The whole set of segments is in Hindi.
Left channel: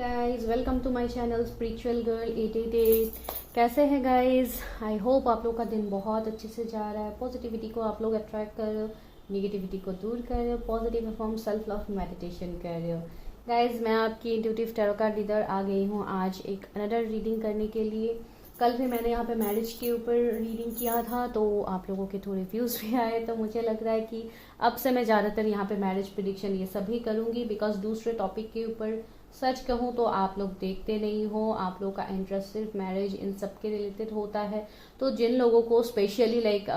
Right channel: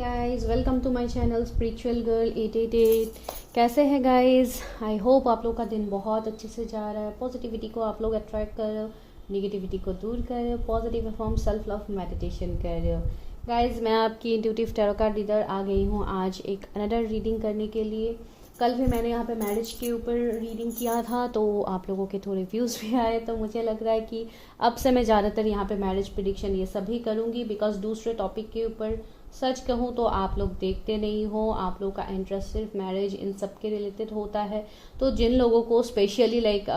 Guys, welcome to my channel spiritual girl 888। कैसे हैं गाइस? आई होप आप लोग का दिन बहुत अच्छे से जा रहा है। पॉजिटिविटी को आप लोग अट्रैक्ट कर रहे हो, निगेटिविटी को दूर कर रहे हो, positive form self love meditation कर रहे हो। गाइस, मैं आपकी इंट्यूटिव टैरो कार्ड रीडर आ गई हूँ आज एक अनदर रीडिंग करने के लिए। कल भी मैंने यहाँ पे मैरिज के ऊपर रीडिंग किया था, तो आप लोगों के थोड़े व्यूज़ भी आए, तो मुझे लग रहा है कि अब से मैं ज़्यादातर यहाँ पे मैरिज प्रिडिक्शन ये सभी करूँगी, बिकॉज दूसरे टॉपिक के ऊपर सच कहूँ तो आप लोग देखते नहीं हो। आप लोग का इंटरेस्ट सिर्फ मैरिज इन सब के रिलेटेड होता है। तो जिन लोगों को स्पेशली लाइक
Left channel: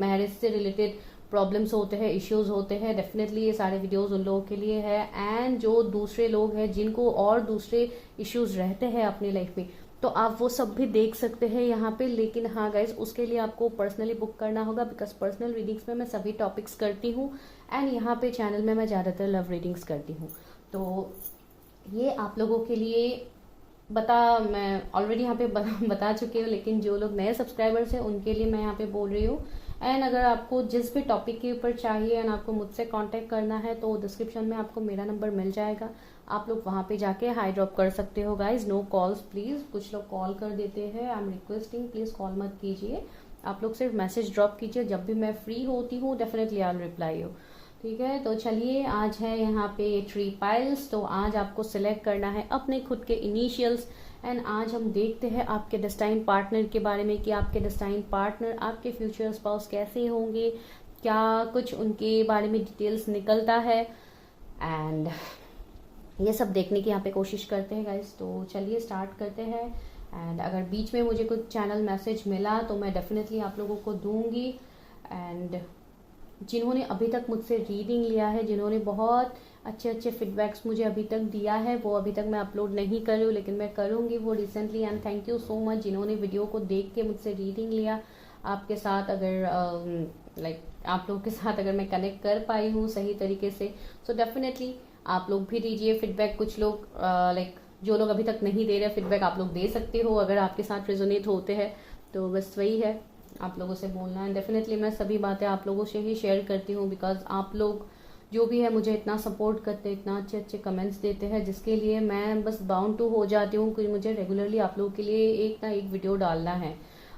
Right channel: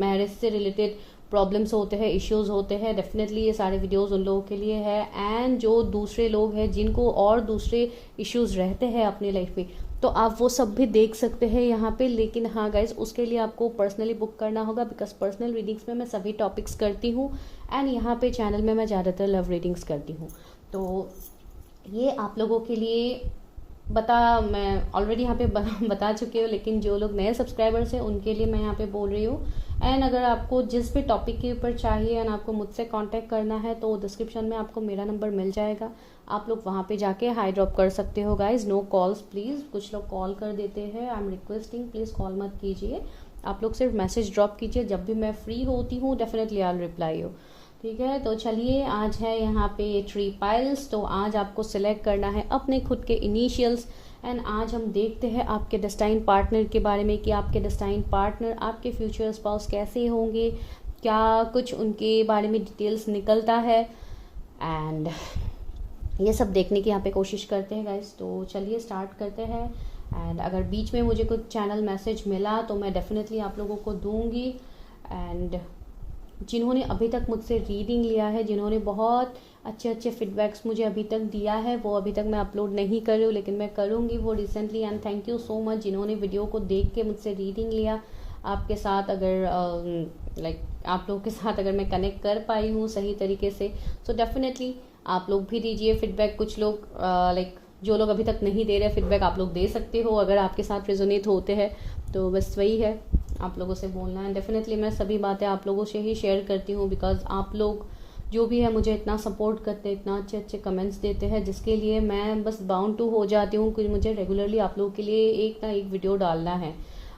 मैरिज से रिलेटेड प्रॉब्लम्स होते हैं, इश्यूज होते हैं, डेफिनेटली ये सारे वीडियोस उन लोगों के लिए है। एंड जो दूसरे लोग हैं जिनको और दूसरे इश्यूज रहते हैं अपनी लाइफ में, तो आप वो सब भी देख सकते हैं यहाँ पे। लेकिन हाँ गाइज, उसके लिए आपको पर्सनली बुक करना होगा, बिकॉज पर्सनल रीडिंग्स में मैं सभी टॉपिक्स करती हूँ एंड यहाँ पे चैनल में मैं ज़्यादातर लव रीडिंग्स करती हूँ। तो ये आप लोगों के लिए मैं ऑलरेडी यहाँ पे बता चुकी हूँ, लेकिन जो लोग नए सब्सक्राइबर्स हैं उनके लिए मैं यहाँ पे बोल रही हूँ। एंड अगर आपको जिस भी टॉपिक के ऊपर चाहिए एंड आपको मुझसे कांटेक्ट करना है, तो डिस्क्रिप्शन में आपको मेरा नंबर मिल जाएगा। आप लोग वहाँ पे जाके हाई ड्रॉप कर सकते हो गाइज। No calls please. कुछ लोग कॉल कर देते हैं, I am requesting please call मत कीजिए। आप लोग सिर्फ मैसेज ड्रॉप कीजिए। जब भी मैं फ्री होती हूँ definitely I will reply you. ठीक है, तो चलिए, आज है यहाँ पे ट्री पाइल्स। तो आज आपको सिलेक्ट करना है अपने खुद के इनिशियल्स एंड आज हम देखते हैं आपके डेस्टाइन पार्टनर के बारे में कि आपके डेस्टाइन पार्टनर, आपके फ्यूचर स्पाउस कैसे होंगे, क्या कुछ उनके बारे में डिटेल्स निकलता है। एंड ये सब देखने की यहाँ पे कोशिश करते हैं गाइस। तो चलिए स्टार्ट करते हैं। एंड अगर बीच में मुझे कुछ चैनल मैसेज मिला तो मैं डेफिनेटली आप लोगों को दूंगी। एंड जिन्होंने अभी तक मुझसे रीडिंग लिया है, जिन्होंने बहुत अच्छे अच्छे फीडबैक्स मुझे अभी तक दिया है, वो अभी तक मैं अपलोड नहीं कर रही हूँ, लेकिन मैं करूँगी वो recently. And thank you so much जिन्होंने वीडियो को देख के मुझसे रीडिंग लिया। आपके साथ अगर आप लोगों के साथ अगर मैं कनेक्ट कर पाई हूँ सही तरीके से, सो डेफिनेटली आप लोग भी दीजिए फीडबैक। कुछ लोग जो लोग अभी तक नहीं दे रहे फीडबैक, आप लोग दे सकते हो अगर आपके साथ रेजोनेट होते हैं। तो बस वही है, आप लोगों से बोलना है। डेफिनेटली मैं सभी बातें आप लोगों से ही शेयर करती हूँ, बिकॉज आप लोग जो भी है मुझे इतना सपोर्ट करते हैं, इतना अच्छे अच्छे कमेंट्स देते हैं, जिसके लिए मैं बस बाउंड टू हो जाती हूँ कि मुझे रेगुलरली आप लोगों के लिए एक ना एक वीडियो डालना है।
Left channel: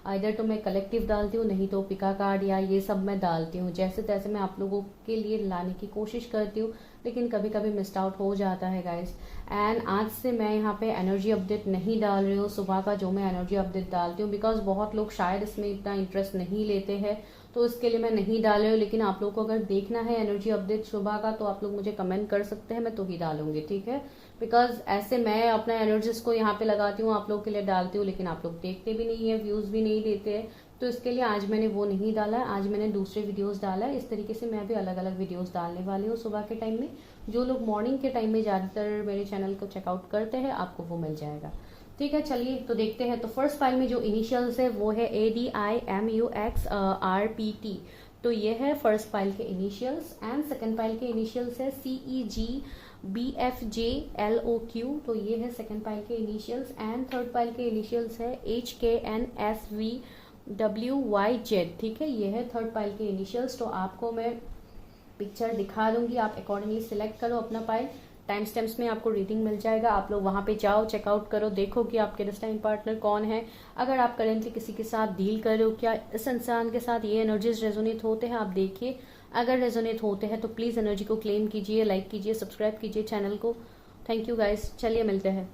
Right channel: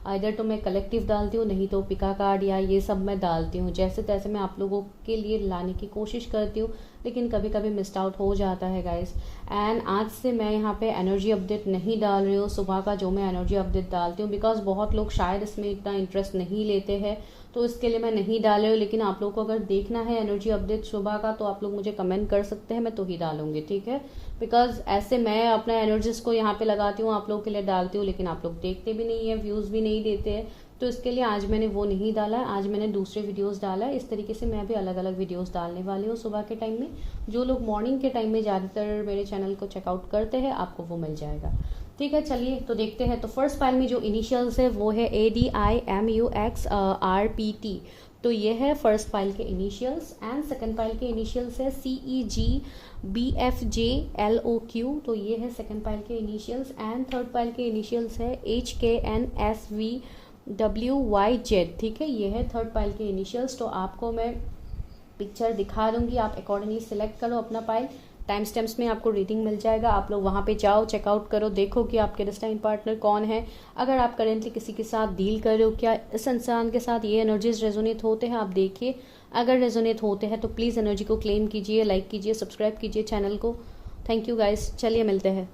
इधर तो मैं कलेक्टिव डालती हूँ, नहीं तो पिका कार्ड या ये सब मैं डालती हूँ। जैसे तैसे मैं आप लोगों के लिए लाने की कोशिश करती हूँ, लेकिन कभी कभी मिस्ड आउट हो जाता है गाइस। एंड आज से मैं यहाँ पे एनर्जी अपडेट नहीं डाल रही हूँ सुबह का, जो मैं एनर्जी अपडेट डालती हूँ, बिकॉज बहुत लोग शायद इसमें इतना इंटरेस्ट नहीं लेते हैं, तो इसके लिए मैं नहीं डाल रही हूँ। लेकिन आप लोग को अगर देखना है एनर्जी अपडेट सुबह का, तो आप लोग मुझे कमेंट कर सकते हैं, मैं तो ही डालूंगी। ठीक है, बिकॉज ऐसे मैं अपना एनर्जीज को यहाँ पे लगाती हूँ, आप लोगों के लिए डालती हूँ, लेकिन आप लोग देखते भी नहीं है, व्यूज भी नहीं देते हैं। तो इसके लिए आज मैंने वो नहीं डाला है, आज मैंने दूसरे वीडियोस डाला है। इस तरीके से मैं भी अलग अलग वीडियोस डालने वाली हूँ सुबह के टाइम में। जो लोग मॉर्निंग के टाइम में ज़्यादातर मेरे चैनल को चेकआउट करते हैं, आपको वो मिल जाएगा। ठीक है, चलिए तो देखते हैं। तो फर्स्ट फाइल में जो इनिशियल्स है वो है ADIMUXRPT। तो ये है फर्स्ट फाइल के इनिशियल्स। एंड सेकेंड फाइल के इनिशियल्स है CEGBFJLOQ। तो ये है सेकेंड फाइल के इनिशियल्स। एंड थर्ड फाइल के इनिशियल्स है HKNSVWYZ। ठीक है, ये है थर्ड फाइल के इनिशियल्स। तो आपको मैं पिक्चर दिखा दूंगी, आप अकॉर्डिंगली सिलेक्ट करो अपना फाइल। टाइम स्टैम्प्स में आपको रीडिंग मिल जाएगा, आप लोग वहाँ पे जाओ, चेकआउट करो, देखो कि आपके डेस्टाइन पार्टनर कौन है। अगर आप करेंटली किसी के साथ डील कर रहे हो, क्या इस इंसान के साथ ये एनर्जीज रेजोनेट होते हैं, आप देखिए। अगर रेजोनेट होते हैं तो प्लीज़ एनर्जी को क्लेम कीजिए, लाइक कीजिए, सब्सक्राइब कीजिए चैनल को। थैंक यू गाइज, चलिए मिलते हैं।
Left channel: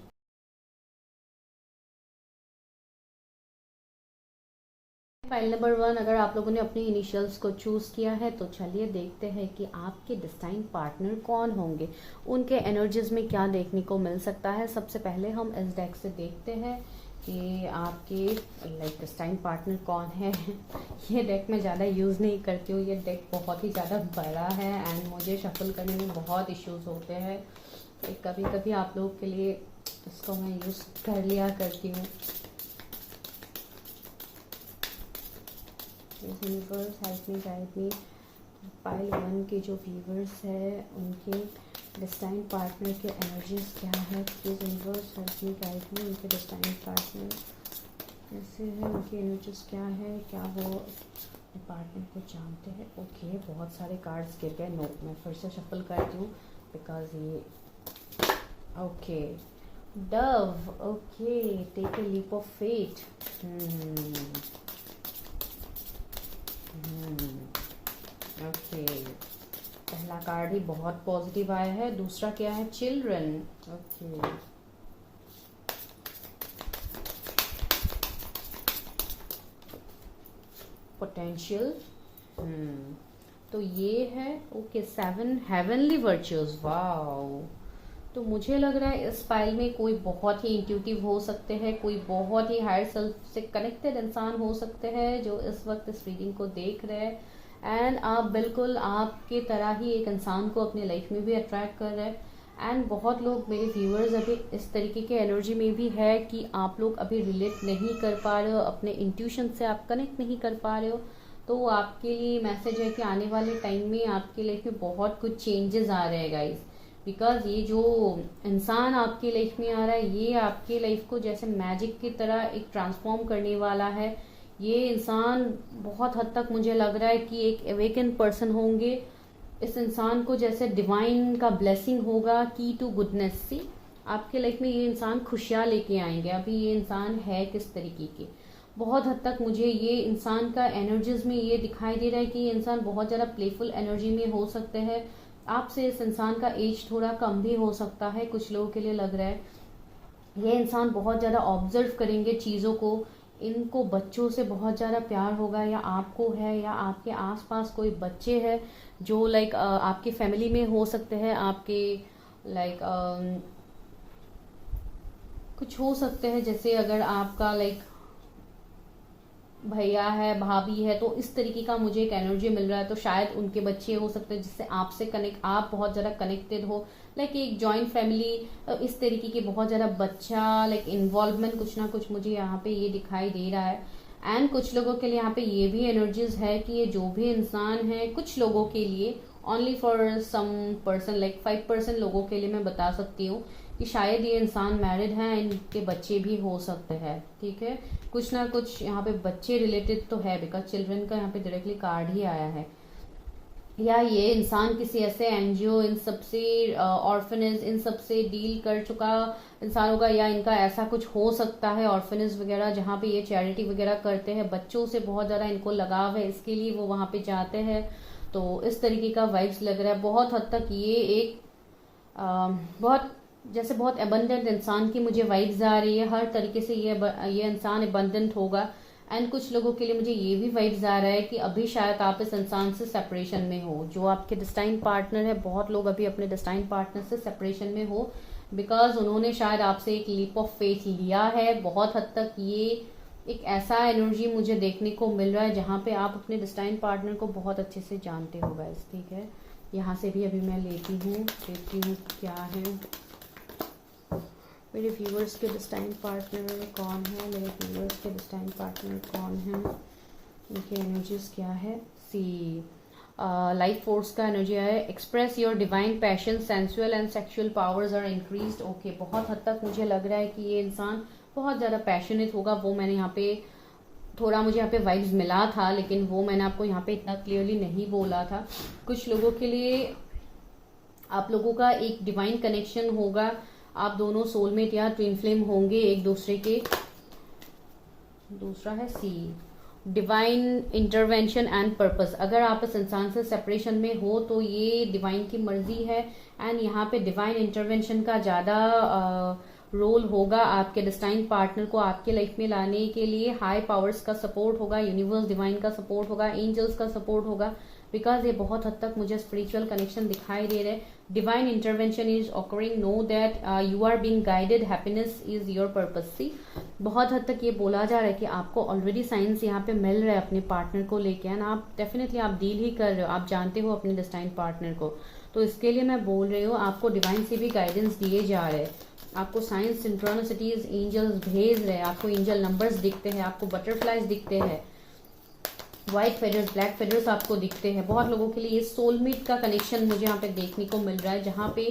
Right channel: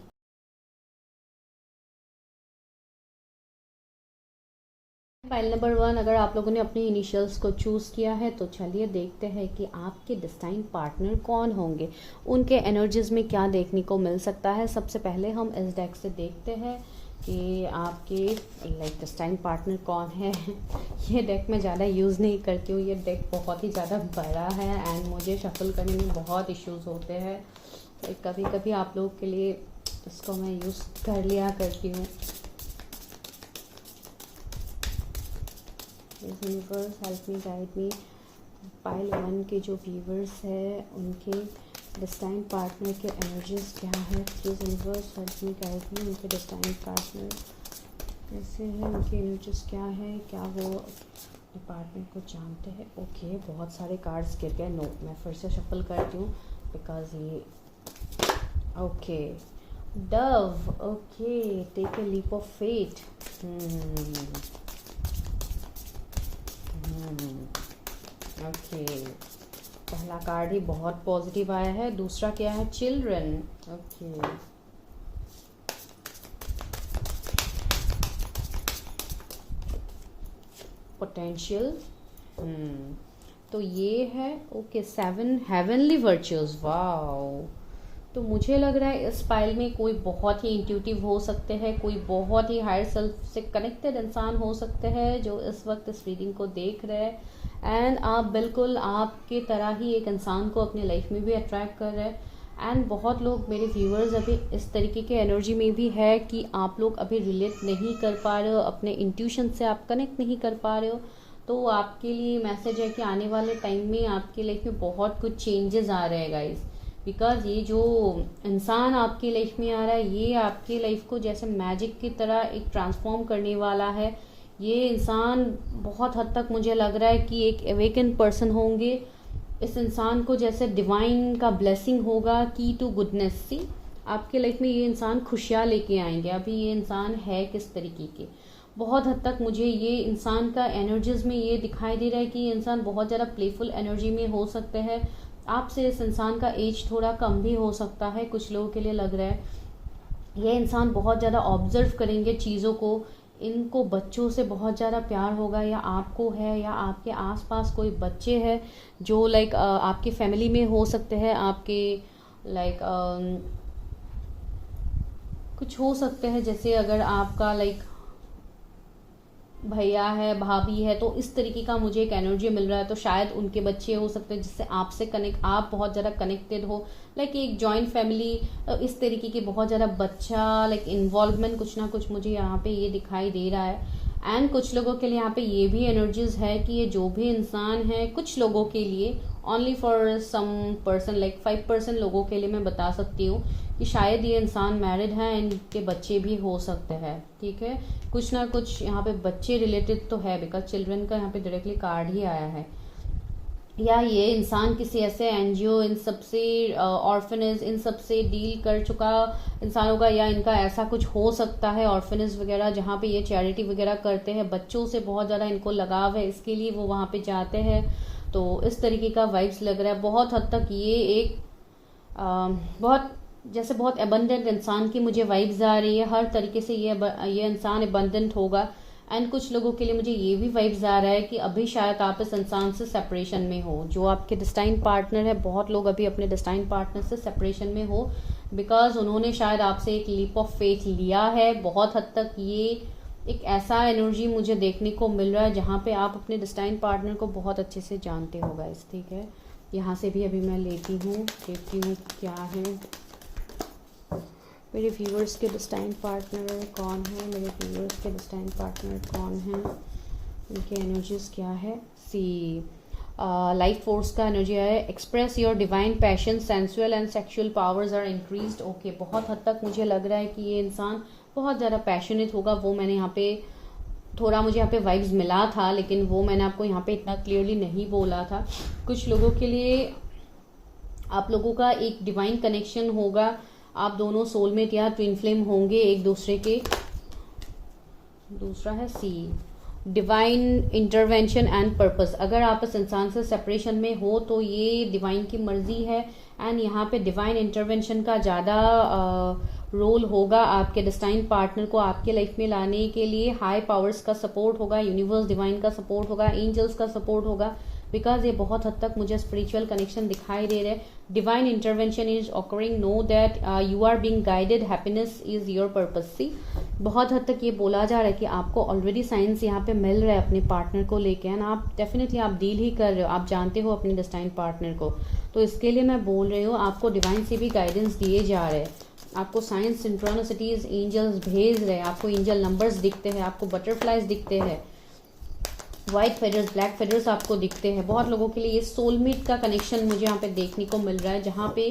फाइल नंबर 1, अगर आप लोगों ने अपने इनिशियल्स को चूज़ किया है, तो चलिए देखते हैं कि आपके डेस्टाइन पार्टनर कौन होंगे, उनके एनर्जीज में क्या देखने को मिल सकता है। सबसे पहले हम इस डेक से देखते हैं कि आपके डेस्टाइन पार्टनर कौन है। ये डेक मैं ज़्यादा यूज़ नहीं करती हूँ, ये डेक बहुत ही ज़्यादा बड़ा है एंड मुझे शफल करने में बहुत इश्यूज़ होते हैं। तो कभी कभी आप लोगों के लिए इसको मैं यूज़ कर लिया करती हूँ। यूनिवर्स हेल्प मी, गाइड मी। फाइल 1 के जो व्यूवर्स है उनके डेस्टाइन पार्टनर के एनर्जीज क्या है। Please universe help me, guide मी। उनके डेस्टाइन पार्टनर कैसे है, उनकी एनर्जीज क्या है, क्या वो पार्टनर को जानते हैं। ओके, बहुत सारे कार्ड्स गिर गए। नो, मैं फिर से शफल करती हूँ बिकॉज ये okay Dove. Okay, take a leap of faith. Okay. पहला कार्ड ही बहुत पॉजिटिव आया है. दूसरा क्या है? चिल्ड्रन. ओके. पोटेंशियल. तो ये है. ओके. 7 heavenly virtues. वाओ. तो मुझे लग रहा है इस फाइल में कोई बहुत ही इंट्यूटिव हो सकते हैं, कोई बहुत ही हायर सेल्फ से कनेक्टेड इंसान हो सकते हैं जो इस वक्त इस रीडिंग को देख रहे हैं. एंड आप बिल्कुल आपके तरह ही एक इंसान को अपनी लाइफ में भी अट्रैक्ट कर रहे हैं. एंड बहुत लोग मेरे व्यूअर्स अभी इस तरीके के एनर्जी में भी है कि आप लोग अभी रिलेट नहीं कर पा रहे हो, अपने इंट्यूशन से आप कनेक्ट नहीं कर पा रहे हो. तो आपके लिए मैसेज है कि आने वाले टाइम में आपकी लाइफ में बहुत कुछ चेंजेस आ रहे हैं गाइस. बिकॉज ये जो इंसान आपकी लाइफ में आ रहा है ये आपकी लाइफ को जैसे मैजिक की तरह एक ट्रांसफॉर्म करने वाला है. ये इंसान बहुत हद तक मुझे लग रहा है कि एक अवेकन पर्सन होंगे. इस इंसान को जैसे डिवाइन का ब्लेसिंग होगा, की टू गुडनेस. सी आपके लाइफ में ये इंसान खुशियाँ लेके आएंगे. अभी ये इंसान है किस तरीके के, बहुत हद तक मुझे ये इंसान का एनर्जीज में ये दिखाई दे रहा है कि ये इंसान बहुत ज़्यादा प्लेफुल एनर्जी में हो सकते हैं. आपसे इस इंसान का एज थोड़ा कम भी हो सकता है, कुछ लोगों के लिए लग रहा है. ये इंसान बहुत ज़्यादा ऑब्जर्व करेंगे चीज़ों को. इनको बच्चों से बहुत ज़्यादा प्यार होगा, या आपको है या आपके आसपास कोई बच्चे हैं जो लाइक आपकी फैमिली में हो सकते हैं, आपके लाइक कुछ हो सकते हैं. जैसे अगर आपका लाइक भैया है, भाभी है, तो इस तरीके का मुझे एक एनर्जी मिल रहा है. तो शायद उनके बच्चे हो सकते हैं जिससे आपसे कनेक्ट, आप बहुत ज़्यादा कनेक्टेड हो. लाइक एक जॉइंट फैमिली, इस तरीके की बहुत ज़्यादा बच्चा लाइक इन्वॉल्वमेंट कुछ ना कुछ मुझे यहाँ पे ये दिखाई दे रहा है. एंड कुछ लोगों के लिए यहाँ पे ये भी एनर्जीज है कि ये जो भी इंसान है, कुछ लोगों के लिए, only for some person, like 5% लोगों के लिए मैं बता सकती हूँ कि शायद ये इंसान मैरिड है, इनके बच्चे भी हो सकते हैं. ठीक है, कुछ ना कुछ यहाँ पे बच्चे रिलेटेड तो है, बिकॉज चिल्ड्रन का यहाँ पे डायरेक्टली कार्ड ही आया है. या ये इंसान किसी ऐसे एनजीओ, इन सबसे ऑर्फनेज, इन सबसे डील कर चुका इंसान होगा, या इनका ऐसा कुछ हो सकता है ऑर्फनेज वगैरह जहाँ पे ये चैरिटी वगैरह करते हैं. बच्चों से बहुत ज़्यादा इनको लगाव है, इसके लिए वो वहाँ पे जाते हैं. तो इस तरीके का वाइब्स लग रहा है. बहुत हद तक ये एक बहुत जैसे बहुत एबंडेंट इंसान की मुझे वाइब्स आ रही है. हर तरीके से ये इंसान एबंडेंट होगा. एंड कुछ लोगों के लिए मुझे ये भी वाइब्स आ रहा है कि अभी शायद आप इस इंसान से सेपरेशन में हो, जो आपके डिस्टाइन पार्टनर है. बहुत लोग अभी अपने डिस्टाइन पार्टनर से सेपरेशन में हो, बिकॉज उन्होंने शायद आपसे एक लीप ऑफ फेथ लिया है. बहुत हद तक ये एक ऐसा एनर्जी मुझे देखने को मिल रहा है जहाँ पे आप अपने डिस्टाइन पार्टनर को बहुत अच्छे से जानते हो गाइस. ठीक है, यहाँ से भी अभी मैं लेती हूँ, देखती हूँ क्या है. मेरे व्यूअर्स के डिस्टाइन पार्टनर कौन है, मेरे व्यूअर्स के डिस्टाइन पार्टनर कौन है, उनके एनर्जीज क्या है. सी लाइफ फोर्स का एनर्जी है. Express your divine passion, sensual and sexual powers are increased. Okay, बहुत हद तक मुझे लग रहा है कि ये इंसान बहुत ज़्यादा पैशनेट होगा. वो मैंने यहाँ पे थोड़ा मुझे यहाँ पे वाइब्स मिला था, लेकिन वो मैंने आपको यहाँ पे इतना क्लियरली नहीं बोला था. कुछ लोगों के लिए आप लोगों का एक डिवाइन कनेक्शन होगा. आप दोनों सोलमेट या ट्विन फ्लेम होंगे एक दूसरे के. दूसरा है सी, डिवाइन इंटरवेंशन एंड पर्पस. अगर आप इस इंसान से सेपरेशन में हो तो ये डिवाइन की मर्जी है. एंड यहाँ पे डिवाइन इंटरवेंशन का ज़्यादा रोल होगा आपके डिस्टाइन पार्टनर को आपके लाइफ में लाने के लिए. हाई पावर्स का सपोर्ट होगा, यूनिवर्स डिवाइन का सपोर्ट होगा, एंजल्स का सपोर्ट होगा. बिकॉज ये बहुत हद तक मुझे स्पिरिचुअल कनेक्शन दिखाई दे रहे हैं. Divine intervention is occurring, know that you are being guided, happiness is your purpose. See बहुत हद तक ये बोला जा रहा है कि आपको ऑलरेडी साइंस यहाँ पे मिल रहा है अपने पार्टनर को लेके. एंड आप डेफिनेटली आप डील ही कर रहे हो, आप जानते हो अपने डिस्टाइन पार्टनर को. तो इसके लिए मैं बोल रही हूँ आपको डिवाइन से भी गाइडेंस दिए जा रहे हैं. आपको साइंस, सिंक्रोनिसिटीज, एंजल्स भेज रहे हैं. आपको एंजल नंबर्स दिखते हैं, आपको बटरफ्लाइज दिखते हैं, व्हाइट फेदर्स, ब्लैक फेदर्स आपको दिखते हैं. बहुत लोगों के लिए ये सोलमेट का कनेक्शन मुझे यहाँ पे देखने को मिल रहा है, जहाँ पे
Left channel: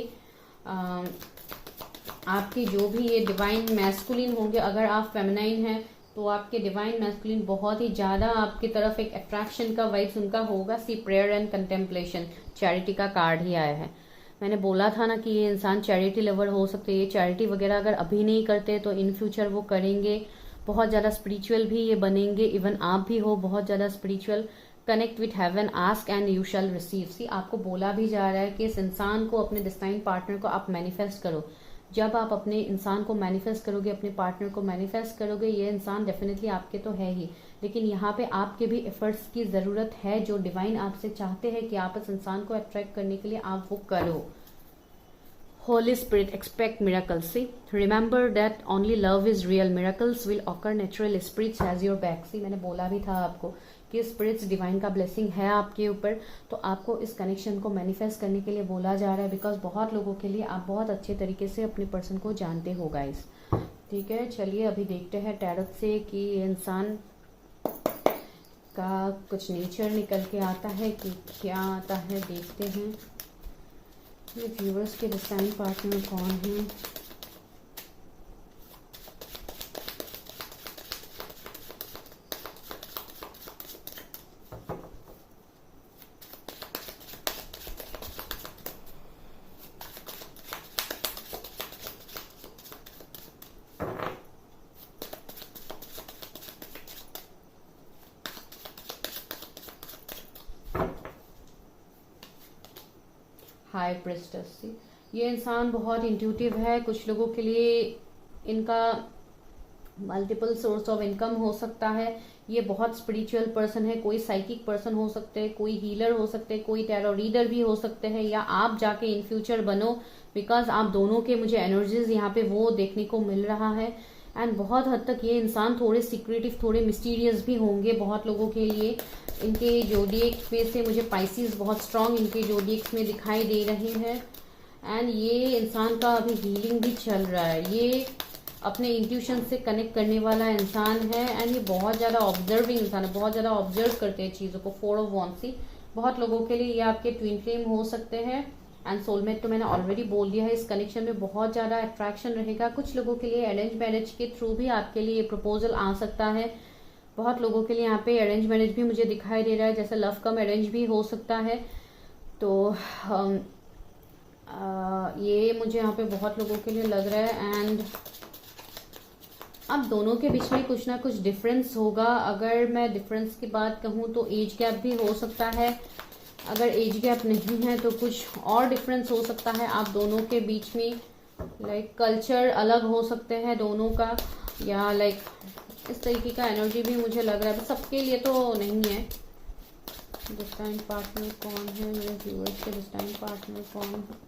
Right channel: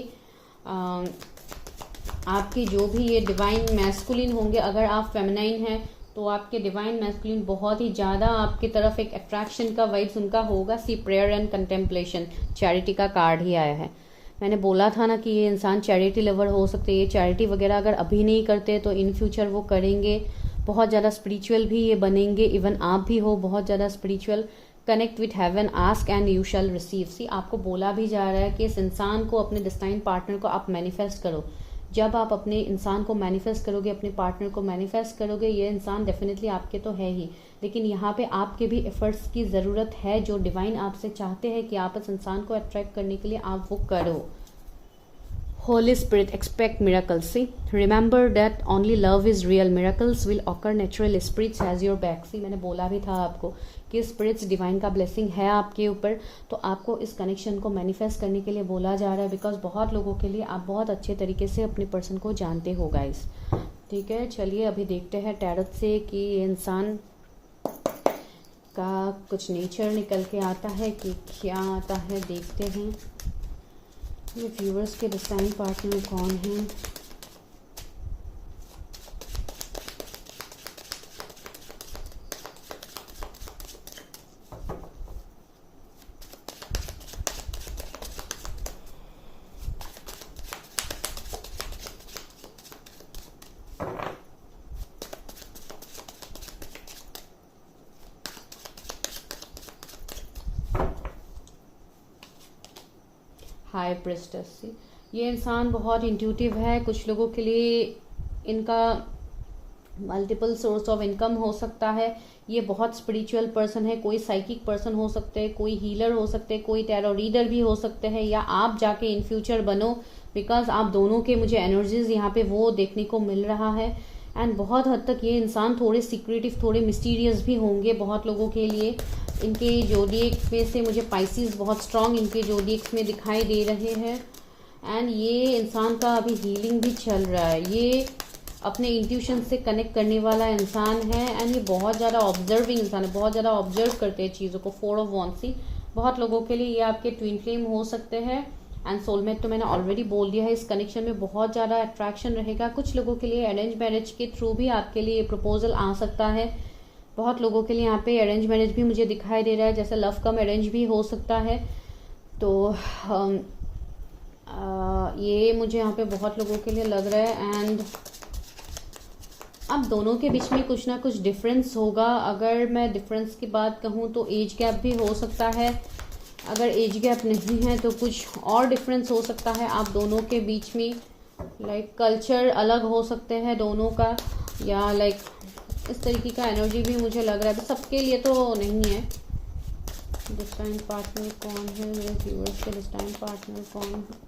आपके जो भी ये डिवाइन मैस्कुलिन होंगे, अगर आप फेमिनाइन हैं तो आपके डिवाइन मैस्कुलिन बहुत ही ज़्यादा आपकी तरफ एक अट्रैक्शन का वाइब्स उनका होगा. सी प्रेयर एंड कंटेम्पलेशन, चैरिटी का कार्ड ही आया है. मैंने बोला था ना कि ये इंसान चैरिटी लवर हो सकते हैं, ये चैरिटी वगैरह अगर अभी नहीं करते तो इन फ्यूचर वो करेंगे। बहुत ज़्यादा स्पिरिचुअल भी ये बनेंगे, इवन आप भी हो बहुत ज़्यादा spiritual. Connect with heaven, ask and you shall receive. See आपको बोला भी जा रहा है कि इस इंसान को, अपने डिस्टाइन पार्टनर को आप मैनिफेस्ट करो। जब आप अपने इंसान को मैनिफेस्ट करोगे, अपने पार्टनर को मैनिफेस्ट करोगे, ये इंसान डेफिनेटली आपके तो है ही, लेकिन यहाँ पे आपके भी एफर्ट्स की ज़रूरत है। जो डिवाइन आपसे चाहते हैं कि आप इस इंसान को अट्रैक्ट करने के लिए आप वो करो। Holy Spirit, expect miracles. See, remember that only love is real. Miracles will occur naturally. Spirits has your back. See, मैंने बोला भी था आपको कि स्पिरिट्स डिवाइन का ब्लेसिंग है आपके ऊपर, तो आपको इस कनेक्शन को मैनिफेस्ट करने के लिए बोला जा रहा है। बिकॉज बहुत लोगों के लिए आप बहुत अच्छे तरीके से अपने पर्सन को जानते हो गाइस। ठीक है, चलिए अभी देखते हैं टैरोट से कि इंसान का कुछ नेचर निकल के आता है कि क्या आता है, देखते हैं। ये व्यूअर्स के डिस्टाइन पार्टनर कौन है? हाई प्रेस्टेस। ये इंसान बहुत इंट्यूटिव है। कुछ लोगों के लिए इनका मल्टीपल सोर्स ऑफ इनकम हो सकता है। ये बहुत स्पिरिचुअल पर्सन है, कोई साइकिक पर्सन हो सकते हैं, कोई हीलर हो सकते हैं, कोई टैरो रीडर भी हो सकते हैं, या आप जाके इन फ्यूचर बनो। बिकॉज आप दोनों के मुझे एनर्जीज यहाँ पे वो देखने को मिल रहा है। एंड बहुत हद तक ये इंसान थोड़े सीक्रेटिव, थोड़े मिस्टीरियस भी होंगे बहुत लोगों के लिए। इनके जोडिएक्स में से मुझे पाइसिस बहुत स्ट्रांग इनके जोडिएक्स में दिखाई दे रहे हैं। एंड ये इंसान का अभी हीलिंग भी चल रहा है। ये अपने इंट्यूशन से कनेक्ट करने वाला इंसान है। एंड ये बहुत ज़्यादा ऑब्जर्विंग इंसान है, बहुत ज़्यादा ऑब्जर्व करते हैं चीज़ों को। 4 ऑफ वॉन्ड्स। बहुत लोगों के लिए ये आपके ट्विन फ्लेम हो सकते हैं। एंड सोलमेट तो मैंने ऑलरेडी बोल दिया है। इस कनेक्शन में बहुत ज़्यादा अट्रैक्शन रहेगा। कुछ लोगों के लिए अरेंज मैरिज के थ्रू भी आपके लिए प्रपोजल आ सकता है। बहुत लोगों के लिए यहाँ पे अरेंज मैरिज भी मुझे दिखाई दे रहा है, जैसे लव कम अरेंज भी हो सकता है। तो ये मुझे यहाँ पे बहुत लोगों के लिए लग रहा है। एंड अब दोनों के बीच में कुछ ना कुछ डिफरेंस होगा। अगर मैं डिफरेंस की बात कहूँ तो एज गैप भी हो सकता है। अगर एज गैप नहीं है तो कुछ और डिफरेंस हो सकता है आप दोनों के बीच में। लाइक कल्चर अलग हो सकते हैं दोनों का, या लाइक इस तरीके का एनर्जी भी मुझे लग रहा है। सबके लिए तो नहीं है। डिस्टाइन पार्टनर कौन है मेरे व्यूअर्स के? डिस्टाइन पार्टनर कौन है?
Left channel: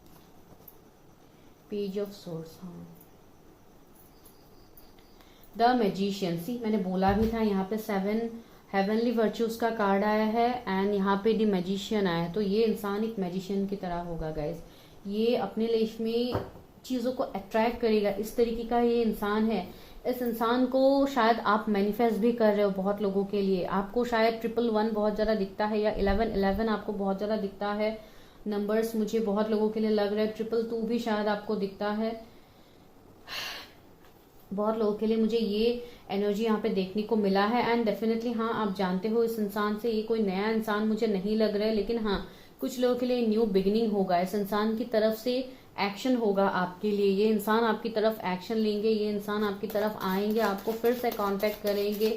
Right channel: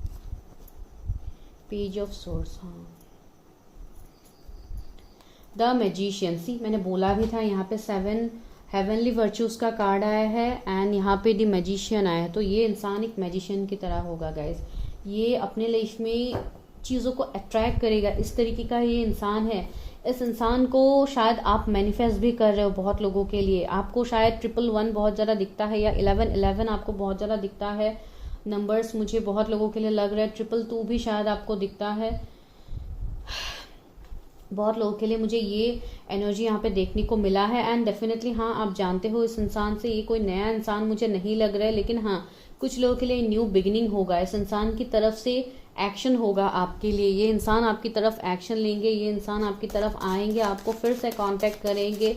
Page of source. हाँ, द मैजिशियन। सी मैंने बोला भी था यहाँ पे 7 हेवनली वर्चूज का कार्ड आया है एंड यहाँ पे द मैजिशियन आया है। तो ये इंसान एक मैजिशियन की तरह होगा गाइज। ये अपने लाइफ में चीज़ों को अट्रैक्ट करेगा, इस तरीके का ये इंसान है। इस इंसान को शायद आप मैनिफेस्ट भी कर रहे हो। बहुत लोगों के लिए आपको शायद 111 बहुत ज़्यादा दिखता है, या 1111 आपको बहुत ज़्यादा दिखता है। नंबर्स मुझे बहुत लोगों के लिए लग रहा है। 222 भी शायद आपको दिखता है। बहुत लोगों के लिए मुझे ये एनर्जी यहाँ पे देखने को मिला है। एंड डेफिनेटली हाँ, आप जानते हो इस इंसान से। ये कोई नया इंसान मुझे नहीं लग रहा है, लेकिन हाँ कुछ लोगों के लिए न्यू बिगिनिंग होगा। इस इंसान की तरफ से एक्शन होगा आपके लिए। ये इंसान आपकी तरफ एक्शन लेंगे, ये इंसान आपकी तरफ आएंगे, आपको फिर से कांटेक्ट करेंगे।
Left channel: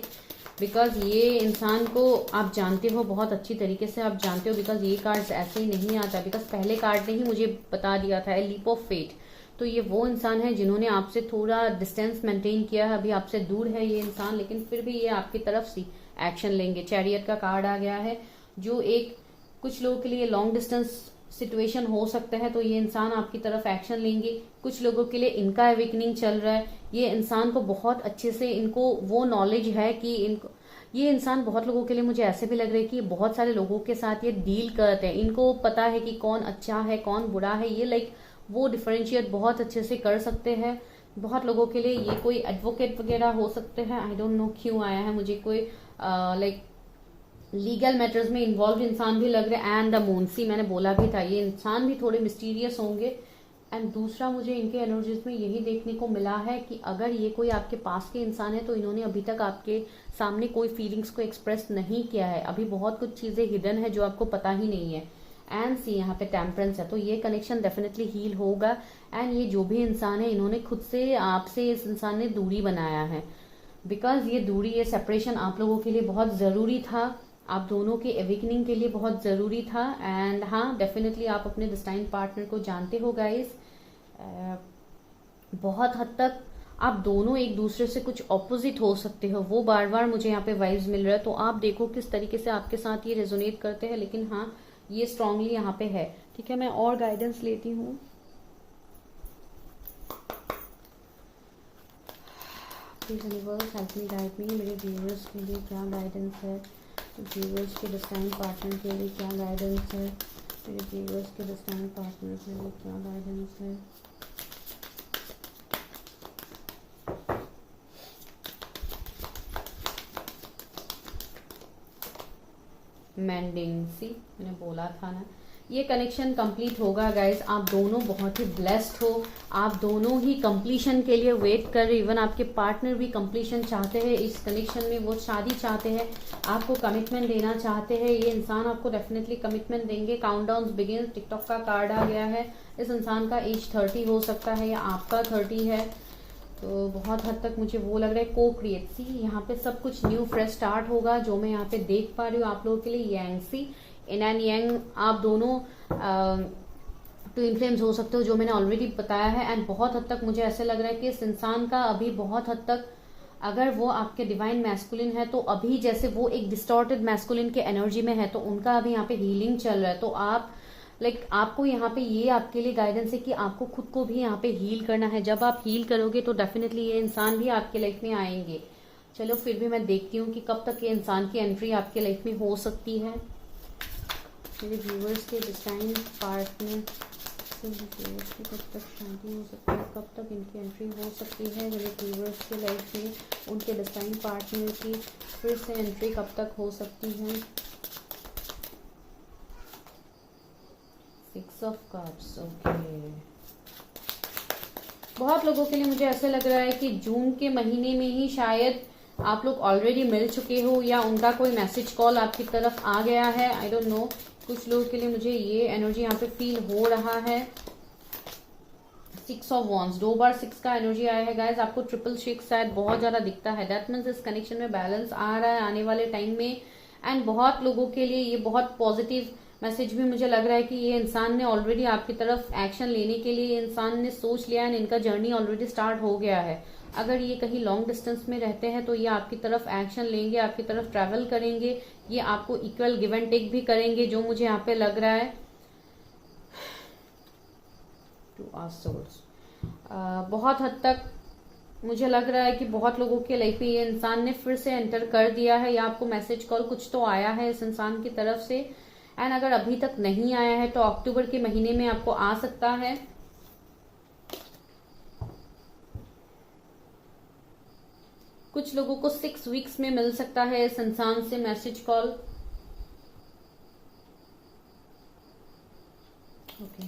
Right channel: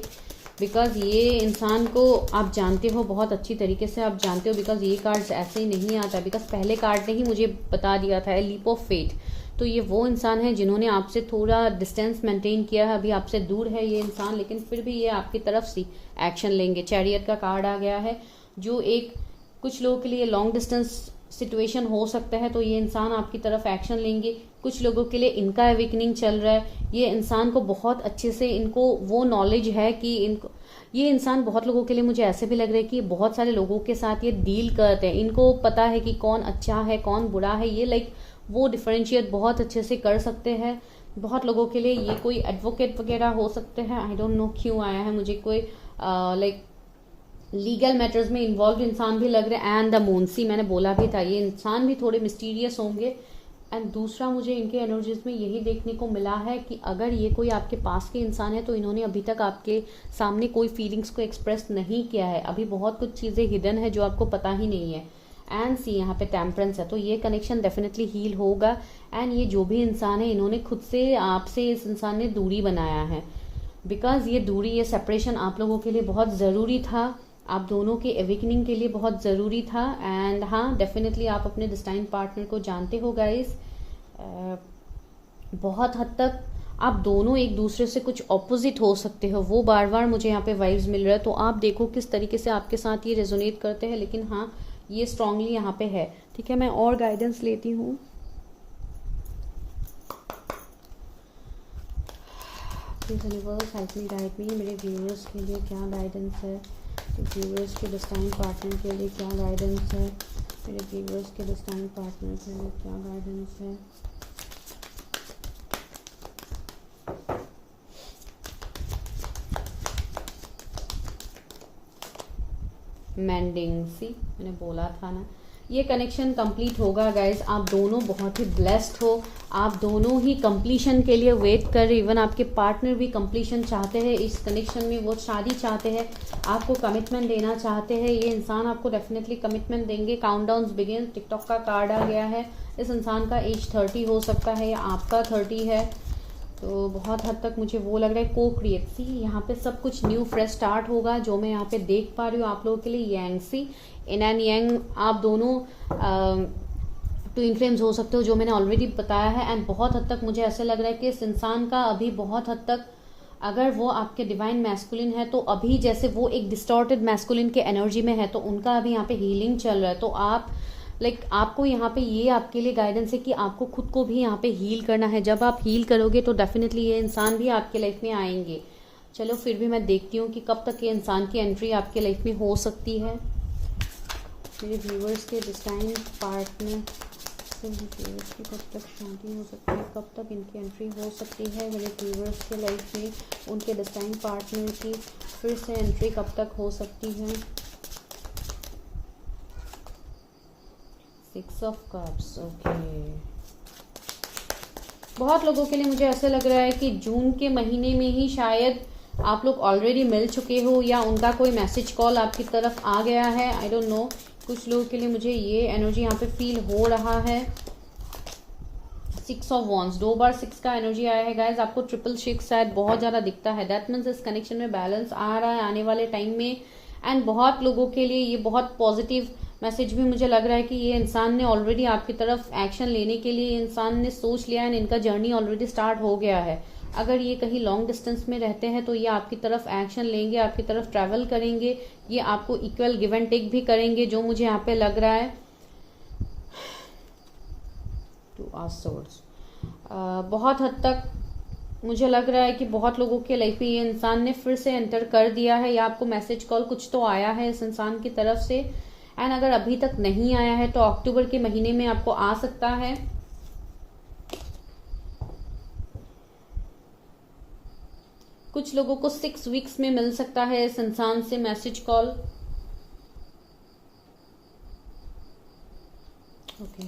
बिकॉज ये इंसान को आप जानते हो बहुत अच्छी तरीके से, आप जानते हो। बिकॉज ये कार्ड्स ऐसे ही नहीं आता। बिकॉज पहले कार्ड ने ही मुझे बता दिया था, लीप ऑफ फेट। तो ये वो इंसान है जिन्होंने आपसे थोड़ा डिस्टेंस मेंटेन किया है। अभी आपसे दूर है ये इंसान, लेकिन फिर भी ये आपकी तरफ से एक्शन लेंगे। चैरियट का कार्ड आ गया है, जो एक कुछ लोगों के लिए लॉन्ग डिस्टेंस सिचुएशन हो सकता है। तो ये इंसान आपकी तरफ एक्शन लेंगे। कुछ लोगों के लिए इनका अवेकनिंग चल रहा है। ये इंसान को बहुत अच्छे से इनको वो नॉलेज है कि इनको, ये इंसान बहुत लोगों के लिए मुझे ऐसे भी लग रहा है कि बहुत सारे लोगों के साथ ये डील करते हैं। इनको पता है कि कौन अच्छा है कौन बुरा है। ये लाइक वो डिफरेंशिएट बहुत अच्छे से कर सकते हैं। बहुत लोगों के लिए ये कोई एडवोकेट वगैरह हो सकते हैं। आई डोंट नो क्यों आया है मुझे कोई लाइक लीगल मैटर्स में इन्वॉल्व इंसान भी लग रहे हैं। एंड द मूनसी मैंने बोला भी था, ये इंसान भी थोड़े मिस्टीरियस होंगे। एंड दूसरा मुझे इनके एनर्जीज में यही देखने को मिला है कि अगर ये कोई आपके पास के इंसान है तो इन्होंने अभी तक आपके सामने कोई फीलिंग्स को एक्सप्रेस नहीं किया है। अभी बहुत कुछ चीजें हिडन है जो आपको पता ही नहीं है। एंड सी यहाँ पे टेम्परेंस है, तो ये कनेक्शन डेफिनेटली हील होगा। एंड ये जो भी इंसान है, इन्होंने खुद से आपसे, इस इंसान ने दूरी बनाया है, बिकॉज ये दूरी, ये सेपरेशन आप लोगों के लिए बहुत ज़रूरी था, आप दोनों के एवेकनिंग के लिए बहुत ज़रूरी था। एंड हाँ, डेफिनेटली आप अपने डिस्टाइन पार्टनर को जानते हो गाइस। बहुत हद तक आप दोनों एक दूसरे से कुछ ऑपोजिट हो सकते हो, वो बार बार मुझे यहाँ पे वाइब्स मिल रहा है। तो आप देखो किस तरीके से आपके साथ ये रेजोनेट करते हैं, लेकिन हाँ, ये स्ट्रांगली यहाँ पे है। ठीक है, मैं और गाइडेंस लेती हूँ। Universe help me, guide me, मेरे व्यूअर्स के लिए क्या गाइडेंस है, व्यूअर्स के डिस्टाइन पार्टनर के लिए क्या गाइडेंस है, मेरे व्यूअर्स के डिस्टाइन पार्टनर के लिए क्या गाइडेंस है। मेंडिंग, सी मैंने बोला था ना, ये कनेक्शन कंप्लीट होगा गाइज। आप दोनों बहुत ही ब्लेस्ड हो, आप दोनों ही कंप्लीशन के लिए वेट कर रहे, इवन आपके पार्टनर भी कंप्लीशन चाहते हैं इस कनेक्शन में, वो शादी चाहते हैं, आपको कमिटमेंट देना चाहते हैं। ये इंसान आपको डेफिनेटली कमिटमेंट देंगे। काउंटडाउन बिगिन, टिकटॉक का कार्ड आ गया है। इस इंसान का एज 30 हो सकता है या आपका 30 है, तो बहुत हद तक मुझे वो लग रहा है को क्रिएट। सी यहाँ पे सब कुछ न्यू फ्रेश स्टार्ट होगा, जो मैं यहाँ पे देख पा रही हूँ आप लोगों के लिए। यांग, सी इन एंड यांग, आप दोनों ट्विन फ्लेम्स हो सकते हो, जो मैंने ऑलरेडी बताया है। एंड बहुत हद तक मुझे ऐसा लग रहा है कि इस इंसान का अभी बहुत हद तक, अगर वो आपके डिवाइन मैस्कुलिन है, तो अभी जैसे वो एक डिस्टॉर्टेड मैस्कुलिन के एनर्जी में है, तो उनका अभी यहाँ पे हीलिंग चल रहा है। तो आप आपको यहाँ पे ये आपके लिए गाइडेंस है कि आपको खुद को भी यहाँ पे हील करना है। जब आप हील करोगे तो डेफिनेटली ये इंसान भी आपके लाइफ में आएंगे। चलो फिर भी मैं देखती हूँ कि कब तक ये इंसान की एंट्री आपके लाइफ में हो सकती है। मेरे व्यूअर्स के डिस्टाइन पार्टनर से व्यूअर्स की कब तक शांति हो सकती है, कब तक इनकी एंट्री हो सकती है मेरे व्यूअर्स के लाइफ में, उनके डिस्टाइन पार्टनर की फिर से एंट्री कब तक हो सकती है। 6 ऑफ कप्स, ओके। बहुत लोगों के लिए मुझे ऐसे लग रहा है कि जून के महीने में ही शायद आप लोग ऑलरेडी मिल चुके हो, या उनका कोई मैसेज कॉल आपकी तरफ आ गया है। आई डोंट नो, कुछ लोगों के लिए मुझे ये एनर्जी यहाँ पे फील हो रहा है। 6 ऑफ वॉन्ड्स, 2 बार 6 का एनर्जी आया है गाइस। आपको 666 शायद बहुत ज्यादा दिखता है। दैट मीन्स इस कनेक्शन में बैलेंस आ रहा है आने वाले टाइम में। एंड बहुत लोगों के लिए ये बहुत पॉजिटिव मैसेज भी मुझे लग रहा है कि ये इंसान ने ऑलरेडी आपकी तरफ एक्शन लेने के लिए इंसान ने सोच लिया है, इनका जर्नी ऑलरेडी स्टार्ट हो गया है। अगर ये कहीं लॉन्ग डिस्टेंस में रहते हैं तो ये आपकी तरफ एक्शन लेंगे, आपकी तरफ ट्रैवल करेंगे, ये आपको इक्वल गिव एंड टेक भी करेंगे, जो मुझे यहाँ पे लग रहा है। 2 ऑफ सोर्ड्स, बहुत हद तक मुझे लग रहा है कि बहुत लोगों के लाइफ में ये इंसान ने फिर से एंटर कर दिया है, या आपको मैसेज कॉल कुछ तो आया है इस इंसान की तरफ से। एंड अगर अभी तक नहीं आया है तो अक्टूबर के महीने में आपको आ सकता है। कुछ लोगों को 6 वीक्स में मिल सकता है इस इंसान से मैसेज कॉल। ओके,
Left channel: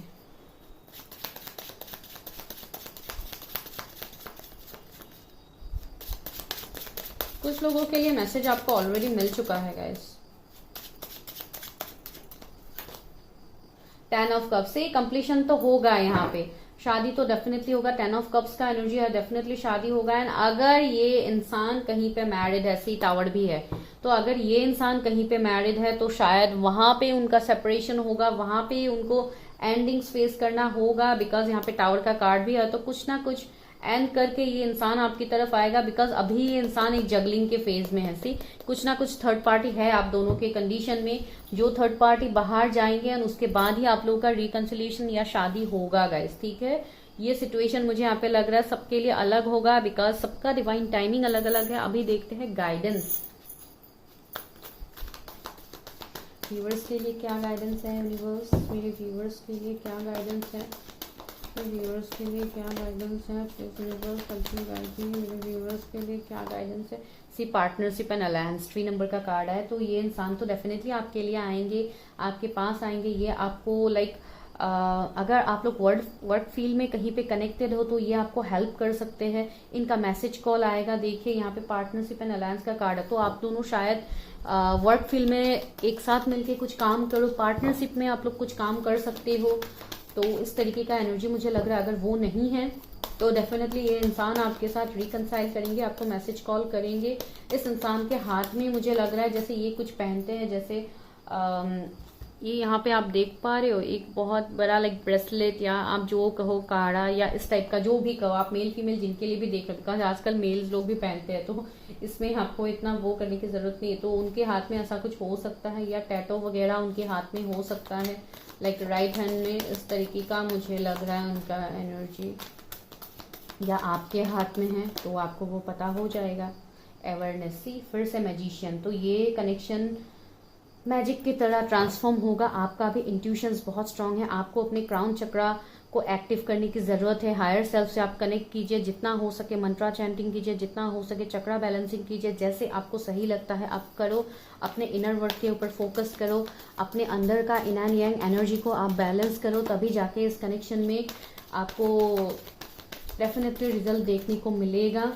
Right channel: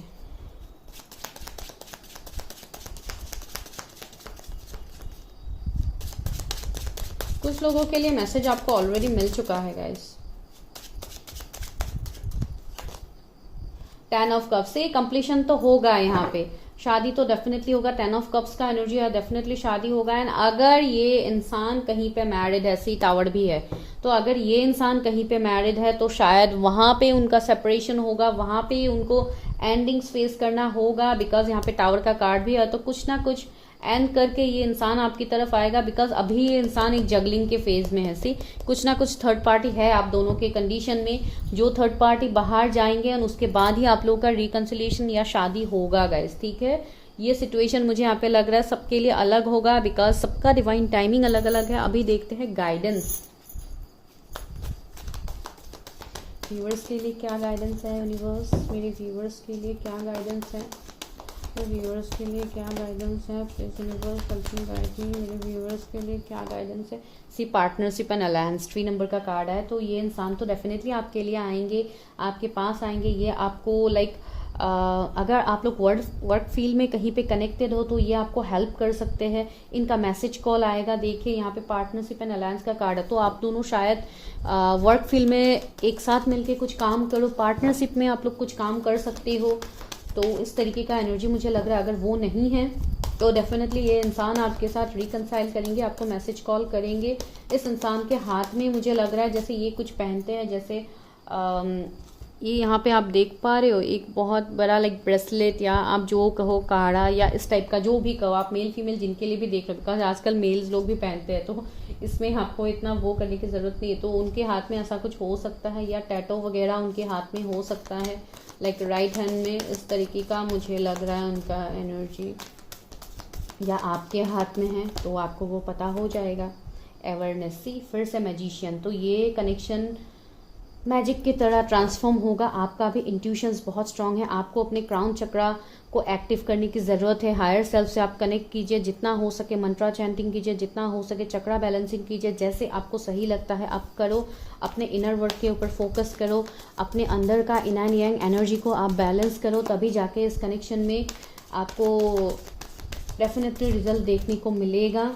कुछ लोगों के लिए मैसेज आपको ऑलरेडी मिल चुका है गाइस। 10 ऑफ कप्स से कंप्लीशन तो होगा, यहाँ पे शादी तो डेफिनेटली होगा। 10 ऑफ कप्स का एनर्जी है, डेफिनेटली शादी होगा। एंड अगर ये इंसान कहीं पे मैरिड है, सी टावर भी है, तो अगर ये इंसान कहीं पे मैरिड है तो शायद वहां पे उनका सेपरेशन होगा, वहां पे उनको एंडिंग्स फेस करना होगा। बिकॉज यहाँ पे टावर का कार्ड भी है, तो कुछ ना कुछ एंड करके ये इंसान आपकी तरफ आएगा। बिकॉज अभी ये इंसान एक जगलिंग के फेज में है। सी कुछ ना कुछ थर्ड पार्टी है आप दोनों के कंडीशन में, जो थर्ड पार्टी बाहर जाएंगे और उसके बाद ही आप लोगों का रिकंसिलिएशन या शादी होगा गाइस। ठीक है, ये सिचुएशन मुझे यहाँ पे लग रहा है सबके लिए अलग होगा, बिकॉज सबका डिवाइन टाइमिंग अलग अलग है। अभी देखते हैं गाइडेंस व्यूअर्स के लिए क्या गाइडेंस है यूनिवर्स, मेरे व्यूअर्स के लिए क्या गाइडेंस है, मेरे व्यूअर्स के लिए क्या गाइडेंस है, please universe help me guide me, मेरे व्यूअर्स के लिए क्या गाइडेंस है। सी पार्टनरशिप एंड अलायंस, 3 नंबर का कार्ड है। तो ये इंसान तो डेफिनेटली आपके लिए आएंगे, आपके पास आएंगे। ये आपको अगर आप लोग वर्क फील्ड में कहीं पे कनेक्टेड हो तो ये आपको हेल्प कर सकते हैं। इनका मैसेज कॉल आएगा, देखिए यहाँ पे पार्टनरशिप एंड अलायंस का कार्ड है, तो आप दोनों शायद वर्क फील्ड में एक साथ मिलके कुछ काम करो, पार्टनरशिप में आप लोग कुछ काम कर सकते हो। तो इस तरीके का एनर्जी मुझे लग रहा है। अगर वो नहीं है तो डेफिनेटली ये इंसान आपके साथ रिकंसाइल करेंगे, आपको मैसेज कॉल करेंगे। इस इंसान के हाथ में मुझे लग रहा है जैसे ये कुछ पहनते हैं, जैसे ये यहाँ पे आप देख पा रहे हो एक बहुत बड़ा लाइक ब्रेसलेट, या आप जो कहो काड़ा, या इस टाइप का जो भी कहो आप, मेल फीमेल जिनके लिए भी देख रहे हो, बिकॉज आजकल मेल्स लोग भी पहनते हैं, तो इसमें आपको इतना वो करने की जरूरत नहीं है। तो उनके हाथ में ऐसा कुछ हो सकता है, या टैटो वगैरह उनके हाथ में हो सकता है, लाइक राइट हैंड में इस तरीके का मुझे लग रहा है उनका एनर्जी, या आपके हाथ में है तो आपको वो पता हो जाएगा। अवेयरनेस, सी फिर से मैजिशियन, तो ये कनेक्शन मैजिक की तरह ट्रांसफॉर्म होगा। आपका भी इंट्यूशंस बहुत स्ट्रांग है, आपको अपने क्राउन चक्रा को एक्टिव करने की जरूरत है। हायर सेल्फ से आप कनेक्ट कीजिए, जितना हो सके मंत्रा चैंटिंग कीजिए, जितना हो सके चक्रा बैलेंसिंग कीजिए, जैसे आपको सही लगता है आप करो। अपने इनर वर्क के ऊपर फोकस करो, अपने अंदर का इन एंड यांग एनर्जी को आप बैलेंस करो, तभी जाके इस कनेक्शन में आपको डेफिनेटली रिजल्ट देखने को मिलेगा।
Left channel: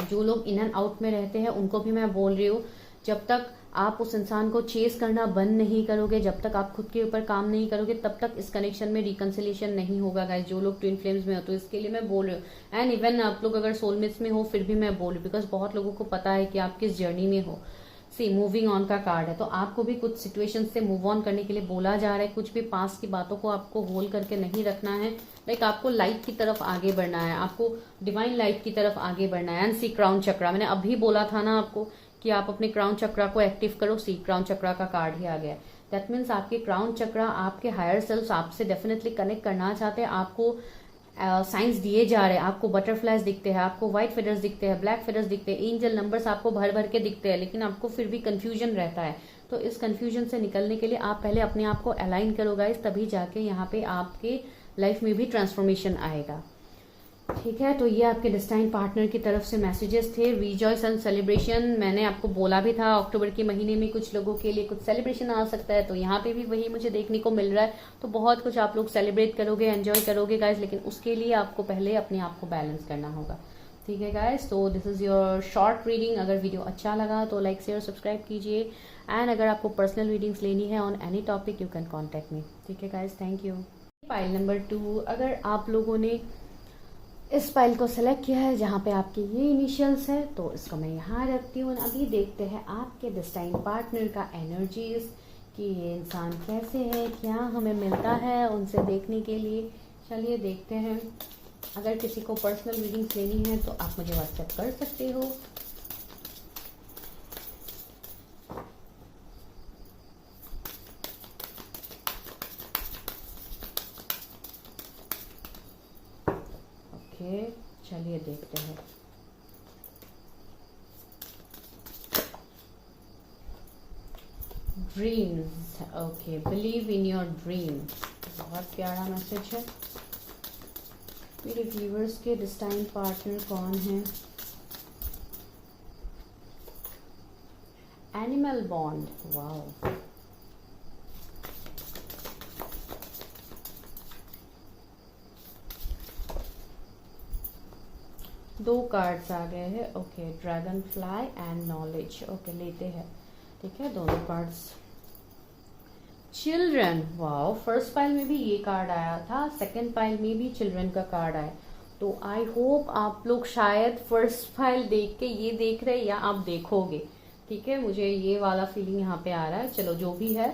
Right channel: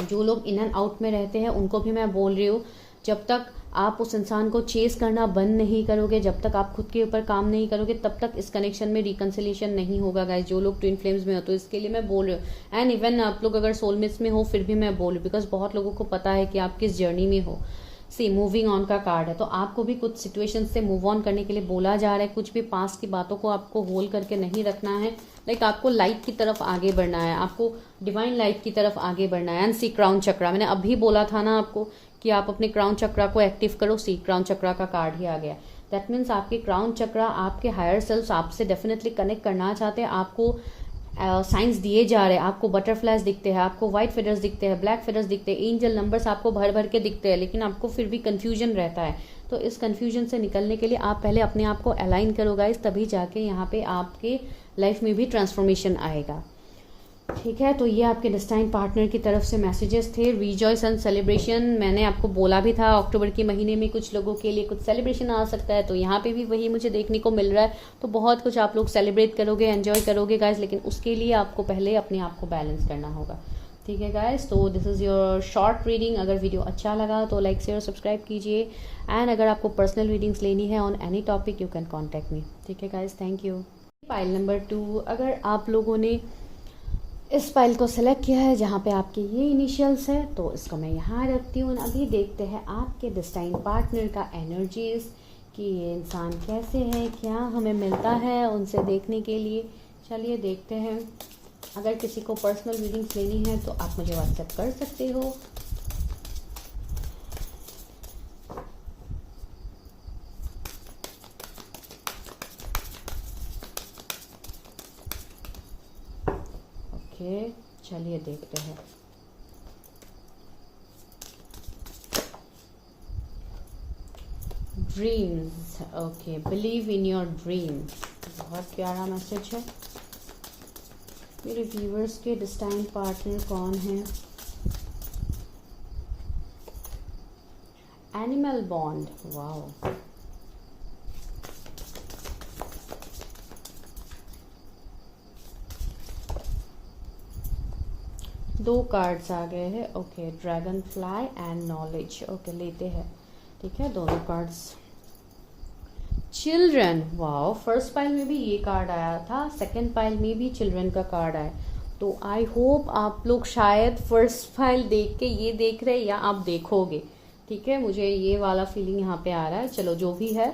जो लोग इन एंड आउट में रहते हैं उनको भी मैं बोल रही हूँ, जब तक आप उस इंसान को चेस करना बंद नहीं करोगे, जब तक आप खुद के ऊपर काम नहीं करोगे, तब तक इस कनेक्शन में रिकंसिलिएशन नहीं होगा गाइस। जो लोग ट्विन फ्लेम्स में हो तो इसके लिए मैं बोल रही हूँ। एंड इवन आप लोग अगर सोलमेट्स में हो फिर भी मैं बोल रही हूँ, बिकॉज बहुत लोगों को पता है कि आप किस जर्नी में हो। सी मूविंग ऑन का कार्ड है, तो आपको भी कुछ सिचुएशन से मूव ऑन करने के लिए बोला जा रहा है। कुछ भी पास्ट की बातों को आपको होल्ड करके नहीं रखना है, लाइक आपको लाइट की तरफ आगे बढ़ना है, आपको डिवाइन लाइट की तरफ आगे बढ़ना है। एंड सी क्राउन चक्रा, मैंने अभी बोला था ना आपको कि आप अपने क्राउन चक्रा को एक्टिव करो, सी क्राउन चक्रा का कार्ड ही आ गया। दैट मीन्स आपके क्राउन चक्रा, आपके हायर सेल्फ आपसे डेफिनेटली कनेक्ट करना चाहते हैं। आपको साइंस दिए जा रहे हैं, आपको बटरफ्लाइज दिखते हैं, आपको व्हाइट फेदर्स दिखते हैं, ब्लैक फेदर्स दिखते हैं, एंजल नंबर्स आपको भर भर के दिखते हैं, लेकिन आपको फिर भी कंफ्यूजन रहता है। तो इस कंफ्यूजन से निकलने के लिए आप पहले अपने आप को अलाइन करो गाइस, तभी जाके यहाँ पे आपके लाइफ में भी ट्रांसफॉर्मेशन आएगा। ठीक है, तो ये आपके डेस्टाइन पार्टनर की तरफ से मैसेजेस थे। रिजॉयस एंड सेलिब्रेशन, मैंने आपको बोला भी था अक्टूबर के महीने में कुछ लोगों के लिए कुछ सेलिब्रेशन आ सकता है, तो यहाँ पे भी वही मुझे देखने को मिल रहा है। तो बहुत कुछ आप लोग सेलिब्रेट करोगे, एंजॉय करोगे गाइस, लेकिन उसके लिए आपको पहले अपने आप को बैलेंस करना होगा। ठीक है गाइस, तो this is your short reading. अगर वीडियो अच्छा लगा तो लाइक शेयर सब्सक्राइब कीजिए, एंड अगर आपको पर्सनल रीडिंग्स लेनी है on any topic you can contact me. ठीक है guys, thank you. File number 2, अगर आप लोगों ने इस फाइल को सेलेक्ट किया है जहाँ पे आपके ये इनिशियल्स है, तो इसको मैं यहाँ रखती हूँ। अभी देखते हैं आपके डेस्टाइन पार्टनर का एनर्जीज, कि ये इंसान कैसे है, क्या हमें मिलता है उनसे देखने के लिए। चलिए देखते हैं। अगर किसी को पर्सनल रीडिंग्स लेनी है तो आप मुझे व्हाट्सएप कर सकते हो। ओके, चलिए देखते हैं। Dreams, okay, believe in your dream, बहुत प्यारा मैसेज है। मेरे व्यूअर्स के डेस्टाइन पार्टनर कौन है? एनिमल बॉन्ड, वाओ, दो कार्ड्स आ गए हैं। Okay, dragon fly and knowledge. Okay, लेते हैं। ठीक है, दोनों cards. Children, wow, first pile में भी ये कार्ड आया था, सेकंड पाइल में भी चिल्ड्रन का कार्ड आया। तो आई होप आप लोग शायद फर्स्ट पाइल देख के ये देख रहे हैं, या आप देखोगे। ठीक है, मुझे ये वाला फीलिंग यहाँ पे आ रहा है। चलो जो भी है,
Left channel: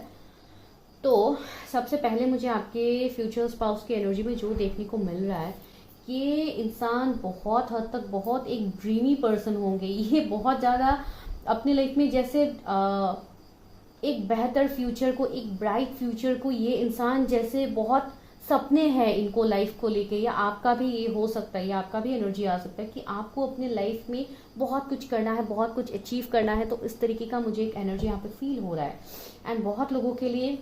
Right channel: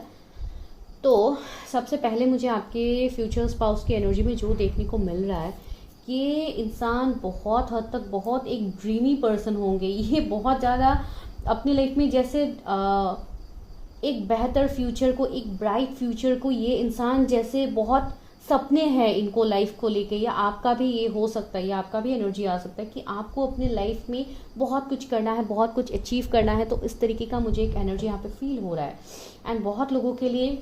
तो सबसे पहले मुझे आपके फ्यूचर स्पाउस की एनर्जी में जो देखने को मिल रहा है, ये इंसान बहुत हद तक बहुत एक ड्रीमी पर्सन होंगे। ये बहुत ज़्यादा अपने लाइफ में जैसे एक बेहतर फ्यूचर को, एक ब्राइट फ्यूचर को, ये इंसान जैसे बहुत सपने हैं इनको लाइफ को लेके। या आपका भी ये हो सकता है, या आपका भी एनर्जी आ सकता है कि आपको अपने लाइफ में बहुत कुछ करना है, बहुत कुछ अचीव करना है। तो इस तरीके का मुझे एक एनर्जी यहाँ पे फील हो रहा है। एंड बहुत लोगों के लिए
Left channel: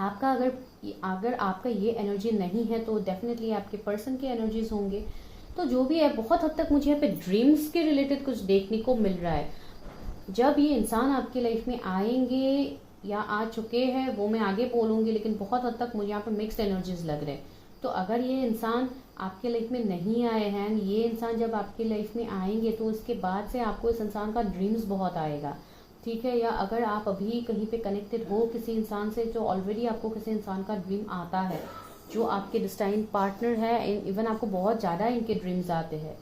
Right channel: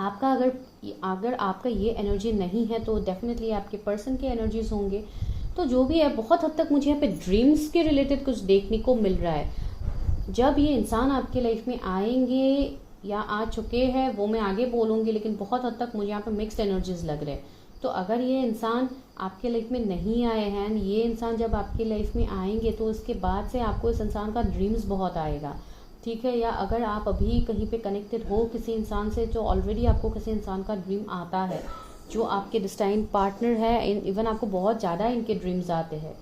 आपका अगर आपका ये एनर्जी नहीं है तो डेफिनेटली आपके पर्सन के एनर्जीज होंगे। तो जो भी है, बहुत हद तक मुझे यहाँ पे ड्रीम्स के रिलेटेड कुछ देखने को मिल रहा है। जब ये इंसान आपके लाइफ में आएंगे, या आ चुके हैं वो मैं आगे बोलूँगी, लेकिन बहुत हद तक मुझे यहाँ पे मिक्स्ड एनर्जीज लग रहे हैं। तो अगर ये इंसान आपके लाइफ में नहीं आए हैं, ये इंसान जब आपके लाइफ में आएंगे तो इसके बाद से आपको इस इंसान का ड्रीम्स बहुत आएगा, ठीक है। या अगर आप अभी कहीं पे कनेक्टेड हो किसी इंसान से, तो ऑलरेडी आपको किसी इंसान का ड्रीम आता है जो आपके डिस्टाइन पार्टनर है। इवन आपको बहुत ज़्यादा इनके ड्रीम्स आते हैं,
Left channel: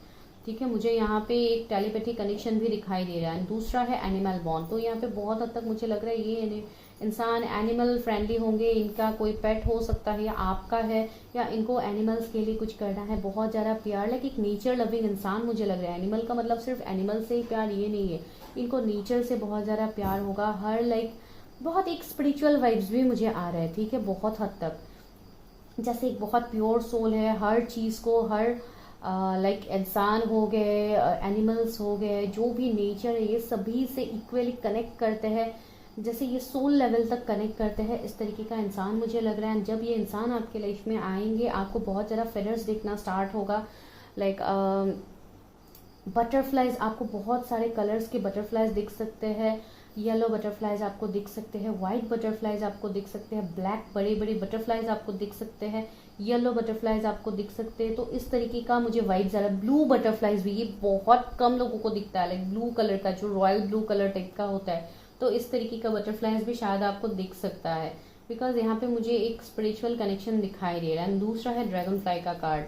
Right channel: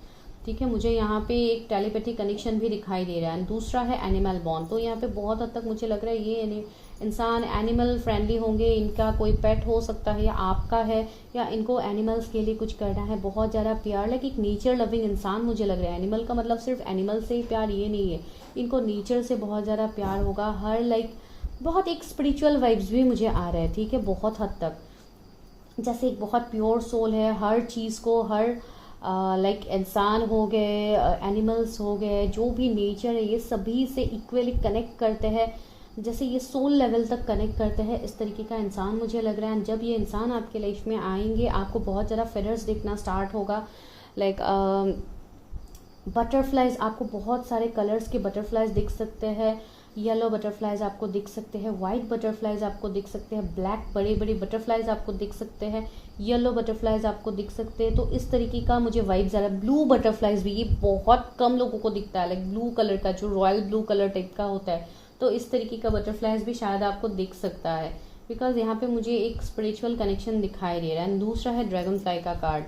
ठीक है। मुझे यहाँ पे एक टेलीपैथी कनेक्शन भी दिखाई दे रहा है। दूसरा है एनिमल बॉन्ड। तो यहाँ पे बहुत हद तक मुझे लग रहा है ये इंसान एनिमल फ्रेंडली होंगे, इनका कोई पेट हो सकता है या आपका है, या इनको एनिमल्स के लिए कुछ करना है, बहुत ज़्यादा प्यार, लाइक एक नेचर लविंग इंसान मुझे लग रहा है। एनिमल का मतलब सिर्फ एनिमल से ही प्यार ये नहीं है, इनको नेचर से बहुत ज़्यादा प्यार होगा। हर लाइक बहुत एक स्पिरिचुअल वाइब्स भी मुझे आ रहा है, ठीक है, बहुत हद तक। जैसे एक बहुत प्योर सोल है, हर चीज़ को, हर लाइक इंसान हो गए, एनिमल्स हो गए, जो भी नेचर है, ये सभी से इक्वली कनेक्ट करते हैं, जैसे ये सोल लेवल तक कनेक्ट करते हैं, इस तरीके का इंसान मुझे लग रहा है। जब ये इंसान आपके लाइफ में आएंगे आपको बहुत ज़्यादा फेदर्स दिखना स्टार्ट होगा, लाइक बटरफ्लाइज, आपको बहुत सारे कलर्स के बटरफ्लाइज दिख सकते हैं। येलो बटरफ्लाइज आपको दिख सकते हैं, वाइट बटरफ्लाइज आपको दिख सकते हैं, ब्लैक बड़े बड़े बटरफ्लाइज आपको दिख सकते हैं, येलो बटरफ्लाइज आपको दिख सकते हैं। तो इस तरीके का मुझे वाइब ज़रा, ब्लू बटरफ्लाइज भी, ये बहुत कम लोगों को दिखता है, लाइक ब्लू कलर का, जो रॉयल ब्लू कलर टाइप का होता है। तो इस तरीके का बटरफ्लाइज भी शायद आपको दिख सकता है, बिकॉज यहाँ पे मुझे एक स्पिरिचुअल कनेक्शन दिखाई दे रहा है। दूसरा है ड्रैगन फ्लाई का card,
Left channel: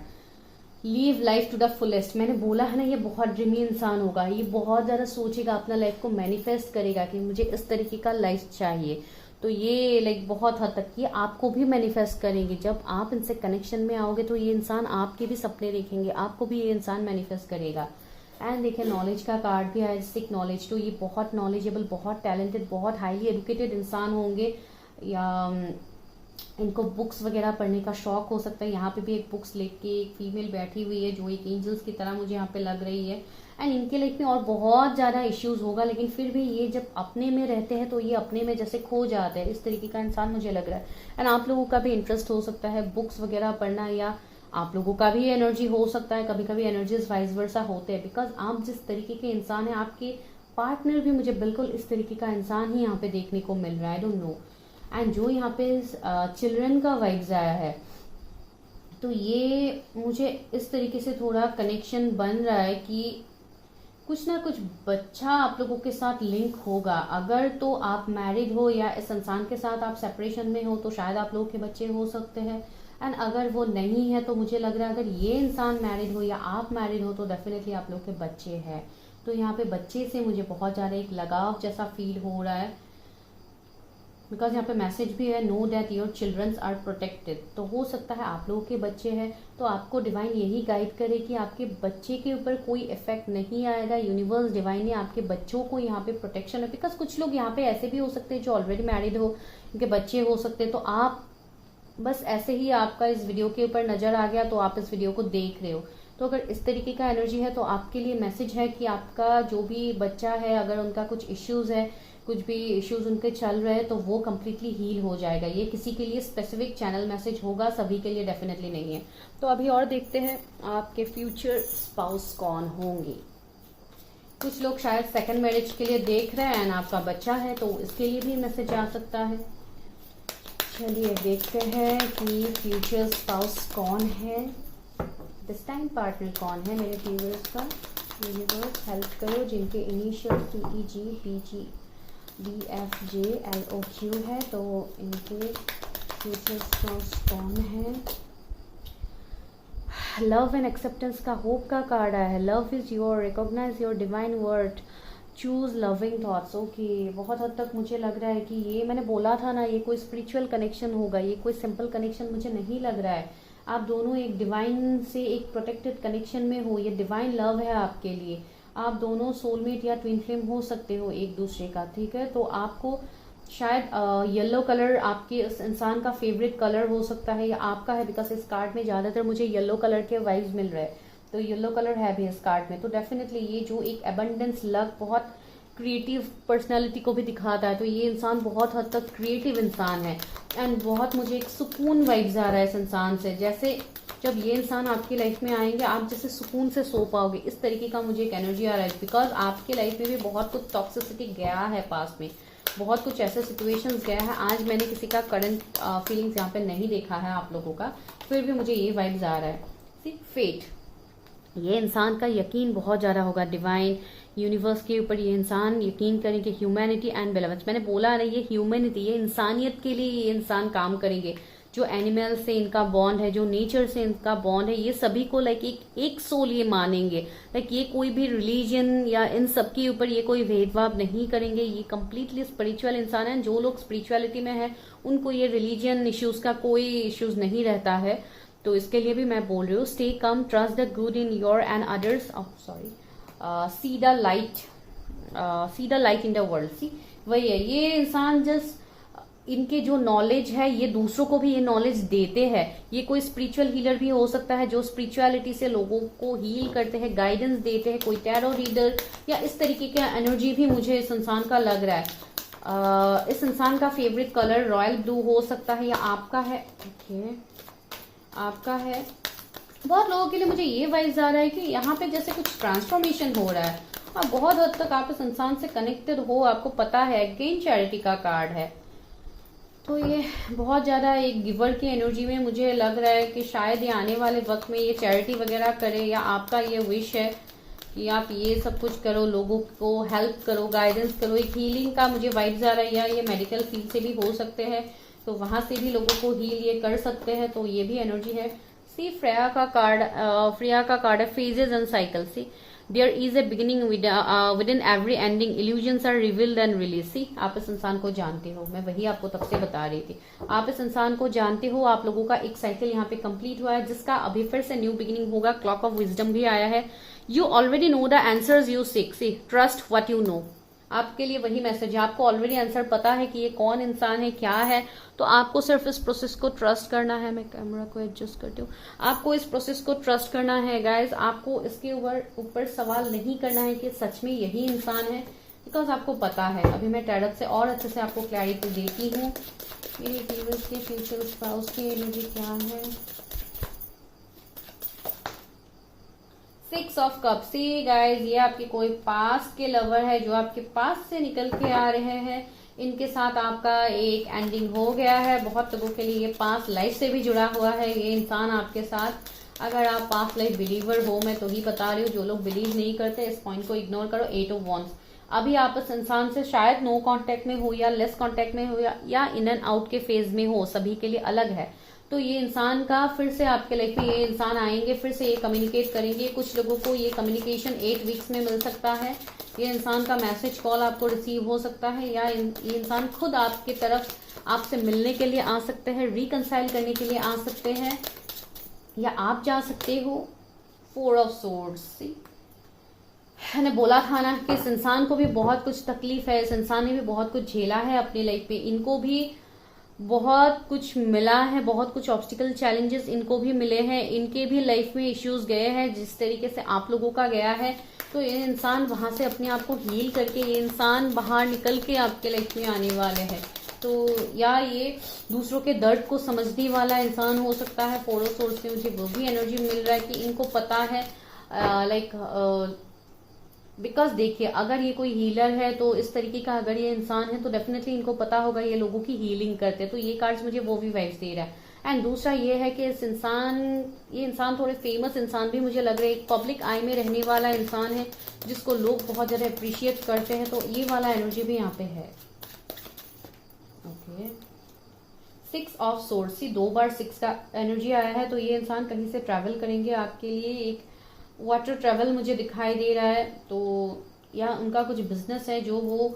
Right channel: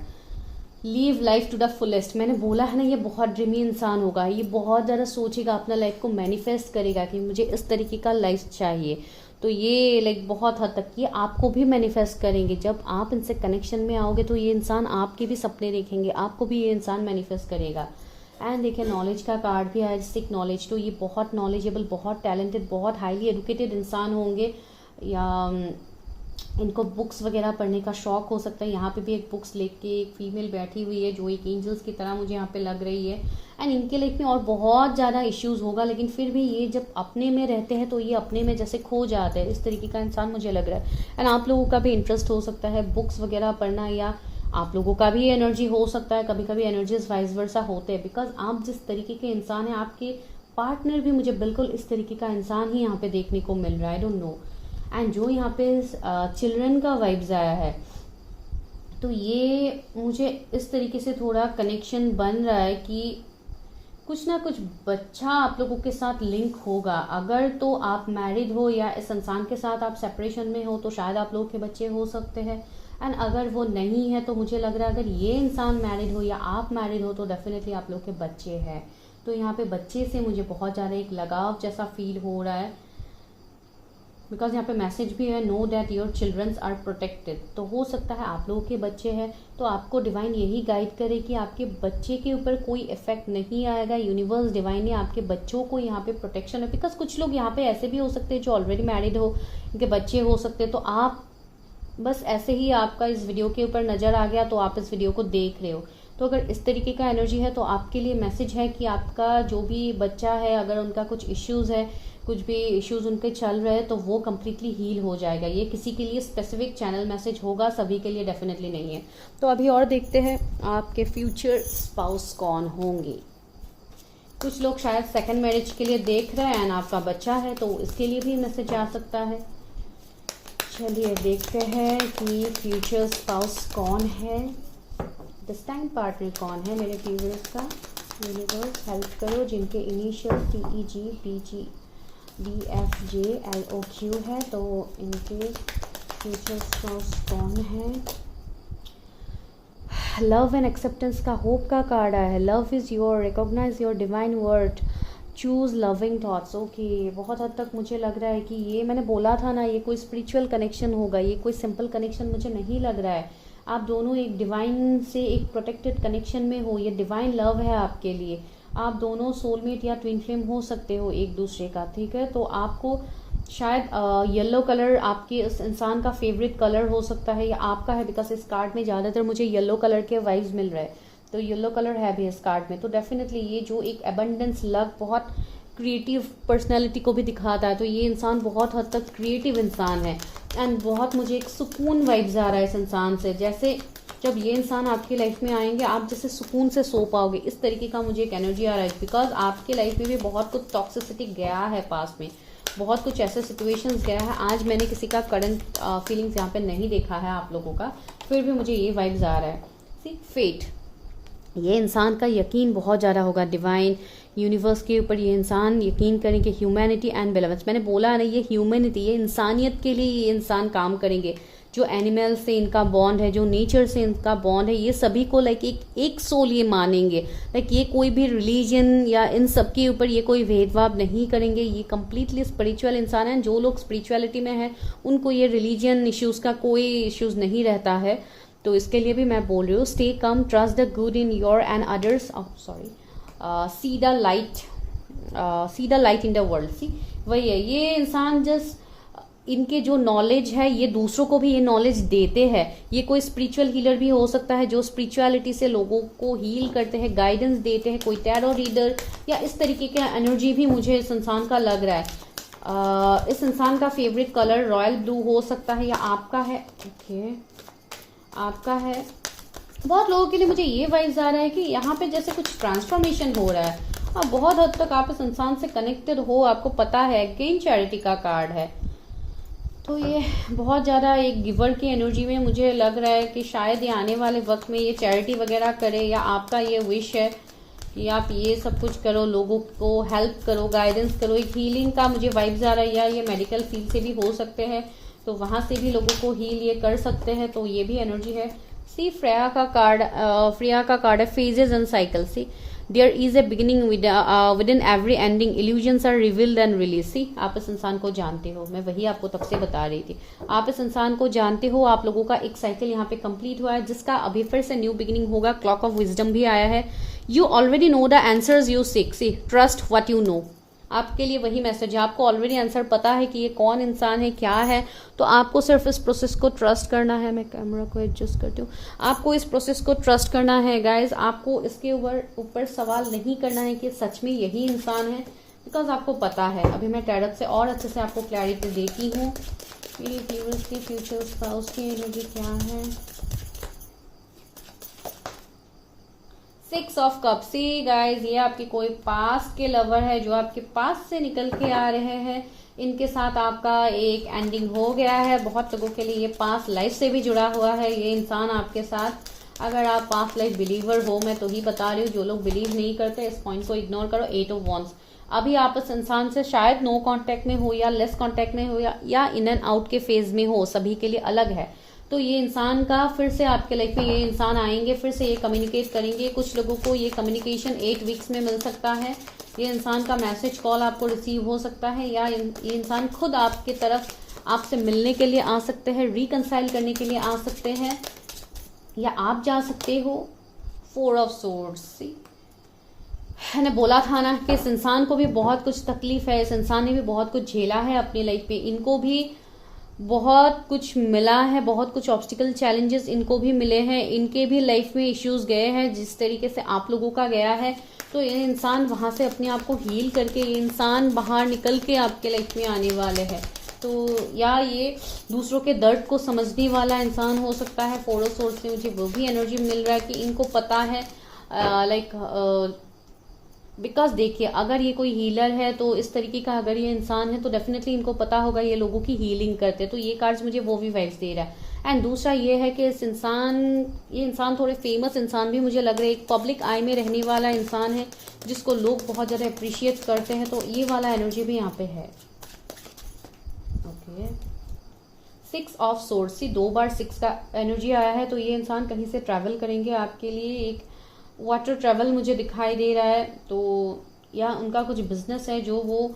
live life to the fullest. मैंने बोला है ना, ये बहुत ड्रीमी इंसान होगा, ये बहुत ज़्यादा सोचेगा, अपना लाइफ को मैनिफेस्ट करेगा कि मुझे इस तरीके का लाइफ चाहिए। तो ये लाइक बहुत हद तक ये आपको भी मैनिफेस्ट करेंगे। जब आप इनसे कनेक्शन में आओगे तो ये इंसान आपके भी सपने देखेंगे, आपको भी ये इंसान मैनिफेस्ट करेगा। एंड देखिए नॉलेज का कार्ड भी है, सिक नॉलेज। तो ये बहुत नॉलेजेबल, बहुत टैलेंटेड, बहुत हाईली एजुकेटेड इंसान होंगे, या इनको बुक्स वगैरह पढ़ने का शौक हो सकता है। यहाँ पे भी एक बुक्स लेके एक फीमेल बैठी हुई है जो एक एंजल्स की तरह मुझे यहाँ पे लग रही है। एंड इनके लाइफ में और बहुत ज़्यादा इश्यूज होगा, लेकिन फिर भी ये जब अपने में रहते हैं तो ये अपने में जैसे खो जाते हैं, इस तरीके का इंसान मुझे लग रहा है। एंड आप लोगों का भी इंटरेस्ट हो सकता है बुक्स वगैरह पढ़ना, या आप लोगों का भी एनर्जी हो सकता है, कभी कभी एनर्जीज वाइस वर्सा होते हैं, बिकॉज आप जिस तरीके के इंसान हैं, आपके पार्टनर भी मुझे बिल्कुल इस तरीके का इंसान ही यहाँ पे देखने को मिल रहा है। I don't no. एंड जो यहाँ पे चिल्ड्रन का वाइब्स आया है, तो ये मुझे इस तरीके से थोड़ा कनेक्शन बन रहा है कि कुछ ना कुछ बच्चा आप लोगों के साथ लिंक होगा। अगर तो आप मैरिड हो या इस इंसान के साथ आप सेपरेशन में हो तो शायद आप लोगों के बच्चे हो सकते हैं। एंड अगर वो नहीं है तो मुझे लग रहा है अगर ये इंसान मैरिड हो या आप मैरिड हो तो डेफिनेटली आप लोग के बच्चे हैं। तो यहाँ पे बच्चे से मुझे बहुत ज़्यादा एक लगाव जैसा फील हो रहा है, बिकॉज यहाँ पे मैसेज भी है, know that your childrens are protected. तो हो सकता है आप लोगों के बच्चे हैं तो आपको डिवाइन यही गाइड करे कि आपके बच्चे के ऊपर कोई इफेक्ट नहीं आएगा। यूनिवर्स डिवाइन ने आपके बच्चों को यहाँ पे प्रोटेक्शन है। बिकॉज कुछ लोग यहाँ पे ऐसे भी हो सकते हैं जो ऑलरेडी मैरिड हो, उनके बच्चे हो सकते हैं। तो आप बस ऐसे ही आपका इस वीडियो के ऊपर नजर आ गया तो आप इस वीडियो को देख रहे हो। तो अगर इस तरीके का एनर्जी है तो आपके लिए मैसेज है कि आपका जो भी बच्चा है, अगर उनका कुछ इश्यूज है, कुछ भी इश्यूज उनके चल रहे हैं तो वो कम्प्लीटली हील हो जाएगा। ये किसी के लिए स्पेसिफिक चैनल मैसेज होगा, सभी के लिए डेफिनेटली नहीं है। तो अभी और देखते हैं आपके फ्यूचर स्पाउस कौन होंगे। कुछ लोग शायद सेकंड मैरिज के लिए देख रहे हैं, आपका बच्चा है तो इसके लिए भी मैसेज आ सकता है। चलिए देखते हैं कि फ्यूचर स्पाउस कौन है, डिस्टाइन पार्टनर कौन है मेरे व्यूअर्स का। यूनिवर्स हेल्प करो जिनके इनिशियल TEG PG DFJLOQ है, तो इनके फ्यूचर स्पाउस कौन है। लव एंड एक्सेप्टेंस का होप का कार्ड आया है। Love is your, recognise your divine word, choose loving thoughts. Okay, बहुत हद तक मुझे लग रहा है कि ये मैंने बोला था ना, ये कोई स्पिरिचुअल कनेक्शन होगा, ये कोई सिंपल कनेक्शन मुझे नहीं लग रहा है। आप दोनों एक डिवाइन से एक प्रोटेक्टेड कनेक्शन में हो, ये डिवाइन लव है आपके लिए। आप दोनों सोलमेट या ट्विन फ्लेम हो सकते हो एक दूसरे का, ठीक है। तो आपको शायद येलो कलर आपके इस इंसान का फेवरेट कलर हो सकता है या आपका है, बिकॉज इस कार्ड में ज़्यादातर मुझे येलो कलर के वाइब्स मिल रहे हैं, तो येलो कलर है भी इस कार्ड में। तो डेफिनेटली ये जो एक एबंडेंस, लक, बहुत क्रिएटिव पर्सनैलिटी को भी दिखाता है। तो ये इंसान बहुत हद तक क्रिएटिव इंसान है एंड बहुत मुझे एक सुकून वाइब्स आ रहा है इस इंसान से। जैसे जब ये इंसान आपकी लाइफ में आएंगे आप जैसे सुकून से सो पाओगे, इस तरीके का मुझे एक एनर्जी आ रहा है। बिकॉज आपके लाइफ में भी बहुत कुछ टॉक्सिसिटी गया है पास में, बहुत कुछ ऐसे सिचुएशंस गया है। आज मैंने किसी का करंट फीलिंग्स यहाँ पे नहीं देखा है आप लोगों का, फिर भी मुझे ये वाइब्स आ रहा है। सी फेट, ये इंसान का यकीन बहुत ज़्यादा होगा डिवाइन यूनिवर्स के ऊपर। ये इंसान यकीन करेंगे ह्यूमैनिटी एंड बेलेवेंस। मैंने बोला नहीं, ये ह्यूमैनिटी, ये इंसानियत के लिए ये इंसान काम करेंगे। जो एनिमल से इनका बॉन्ड है, जो नेचर से इनका बॉन्ड है, ये सभी को लाइक एक सोल ये मानेंगे। लाइक ये कोई भी रिलीजन या इन सब के ऊपर ये कोई भेदभाव नहीं करेंगे। ये कम्प्लीटली स्पिरिचुअल इंसान है। जो लोग स्पिरिचुअलिटी में है उनको ये रिलीजन इश्यूज का कोई इश्यूज नहीं रहता है। तो इसके लिए भी मैं बोल रही हूँ, stay calm, trust the good in your and others, see the light in the world. See वही है, ये इंसान जस्ट इनके जो नॉलेज है ये दूसरों को भी ये नॉलेज देते हैं। ये कोई स्पिरिचुअल हीलर भी हो सकता है जो स्पिरिचुअलिटी से लोगों को हील करते हैं, गाइडेंस देते हैं, कोई टैरो रीडर या इस तरीके का एनर्जी भी मुझे इस इंसान का लग रहा है। इस इंसान का फेवरेट कलर रॉयल ब्लू हो सकता है या आपका है। ओके, आपका है। बहुत लोगों के लिए मुझे ये वाइब्स आ रहा है कि यहाँ पे जैसे कुछ ट्रांसफॉर्मेशन हो रहा है और बहुत हद तक आप इस इंसान से कनेक्टेड हो। आपको पता है अगेन चैरिटी का कार्ड है, तो ये बहुत ज़्यादा एक गिवर की एनर्जी में मुझे लग रहा है कि शायद ये आने वाले वक्त में ये चैरिटी वगैरह करे, या आपका ये विश है कि आप ये सब कुछ करो, लोगों को हेल्प करो, गाइडेंस करो। एक हीलिंग का मुझे वाइब्स आ रहा है, या ये मेडिकल फील्ड से भी हो सकते हैं, तो वहां से भी लोगों को हील ये कर सकते हैं। तो ये भी एनर्जी है। सी फ्रेया का कार्ड है phases and cycle. See there is a beginning within every ending, illusions are revealed and release. See आप इस इंसान को जानते हो, मैं वही आपको तब से बता रही थी। आप इस इंसान को जानते हो। आप लोगों का एक साइकिल यहाँ पे कंप्लीट हुआ है जिसका अभी फिर से न्यू बिगिनिंग होगा। क्लॉक ऑफ विजडम भी आया है। You already know the answers you seek. See trust what you know. आपके लिए वही मैसेज है, आपको ऑलरेडी आंसर पता है कि ये कौन इंसान है, क्या है। तो आपको सिर्फ इस प्रोसेस को ट्रस्ट करना है। मैं कैमरा को एडजस्ट करती हूँ। आपको इस प्रोसेस को ट्रस्ट करना है गाइज। आपको इसके ऊपर सवाल नहीं करना है कि सच में यही इंसान है, बिकॉज आपको पता है। अभी मैं टैरट से और अच्छे से आपको क्लैरिटी देती हूँ। मेरी व्यूअर्स की फ्यूचर स्पाउस की एनर्जी क्या है। 6 ऑफ कप। सी गाइज, ये आपके कोई पास के लवर है जो आपके पास से निकल के आ रहे हैं। इनके साथ आपका एक एंडिंग हो गया है। बहुत लोगों के लिए ये पास्ट लाइफ से भी जुड़ा हुआ है ये इंसान आपके साथ। अगर आप पास्ट लाइफ बिलीवर हो, मैं तो ही बता रही हूँ, जो लोग बिलीव नहीं करते इस पॉइंट को इग्नोर करो। 8 ऑफ वॉन्ड्स। अभी आप इस इंसान से शायद नो कांटेक्ट में हो या लेस कांटेक्ट में हो या इन एंड आउट के फेज में हो, सभी के लिए अलग है। तो ये इंसान का फिर से आपके लाइफ में ये इंसान आएंगे, फिर से ये कम्युनिकेट करेंगे। कुछ लोगों को ये कम्युनिकेशन 8 वीक्स में मिल सकता है। ये इंसान का मैसेज कॉल आपको रिसीव हो सकता है, या ये इंसान खुद आपके तरफ आपसे मिलने के लिए आ सकते हैं, रिकंसाइल करने के लिए आ सकते हैं, या आप जा सकते हो। 4 ऑफ सोर्ड्स। मैंने बोला था ना कि इस इंसान को भी बहुत कुछ तकलीफ है। इस इंसान ने भी बहुत कुछ झेला है अपनी लाइफ में। इनको भी बहुत कुछ मिला है, बहुत कुछ ऑब्स्टिकल चैलेंजेस इनको भी मिले हैं। इनके भी लाइफ में इश्यूज गए हैं जिस तरीके से आप लोगों का गया है। तो ये इंसान वहां से अपने आप को हील करके ये इंसान बाहर निकल के आपके लाइफ में आने वाले हैं। तो या ये दूसरों के दर्द को समझने वाला इंसान हो सकता है। 4 ऑफ सोर्स से मुझे वो भी एनर्जी मिल रहा है कि इनको पता है बिकॉज देखिए, अगर ये कोई हीलर है तो इस तरीके का अगर ये इंसान है तो डेफिनेटली इनको पता होगा ये लोगों की हीलिंग करते। तो ये कार्ड्स मुझे वो भी वाइब्स दे रहा है। एंड दूसरा ये है कि ये इंसान थोड़े फेमस इंसान भी मुझे लग रहा है। एक पब्लिक आई में रहने वाला इंसान है जिसको लोग बहुत ज्यादा अप्रिशिएट करते हैं। तो ये वाला एनर्जी भी यहाँ पे है। Okay, 6 of swords. 2 बार 6 का एनर्जी आया है। तो ये इंसान कहीं से ट्रैवल करेंगे आपके लिए। एक वाटर ट्रैवल मुझे दिखाई दे रहा है। तो या उनका कुछ बिजनेस है जो वो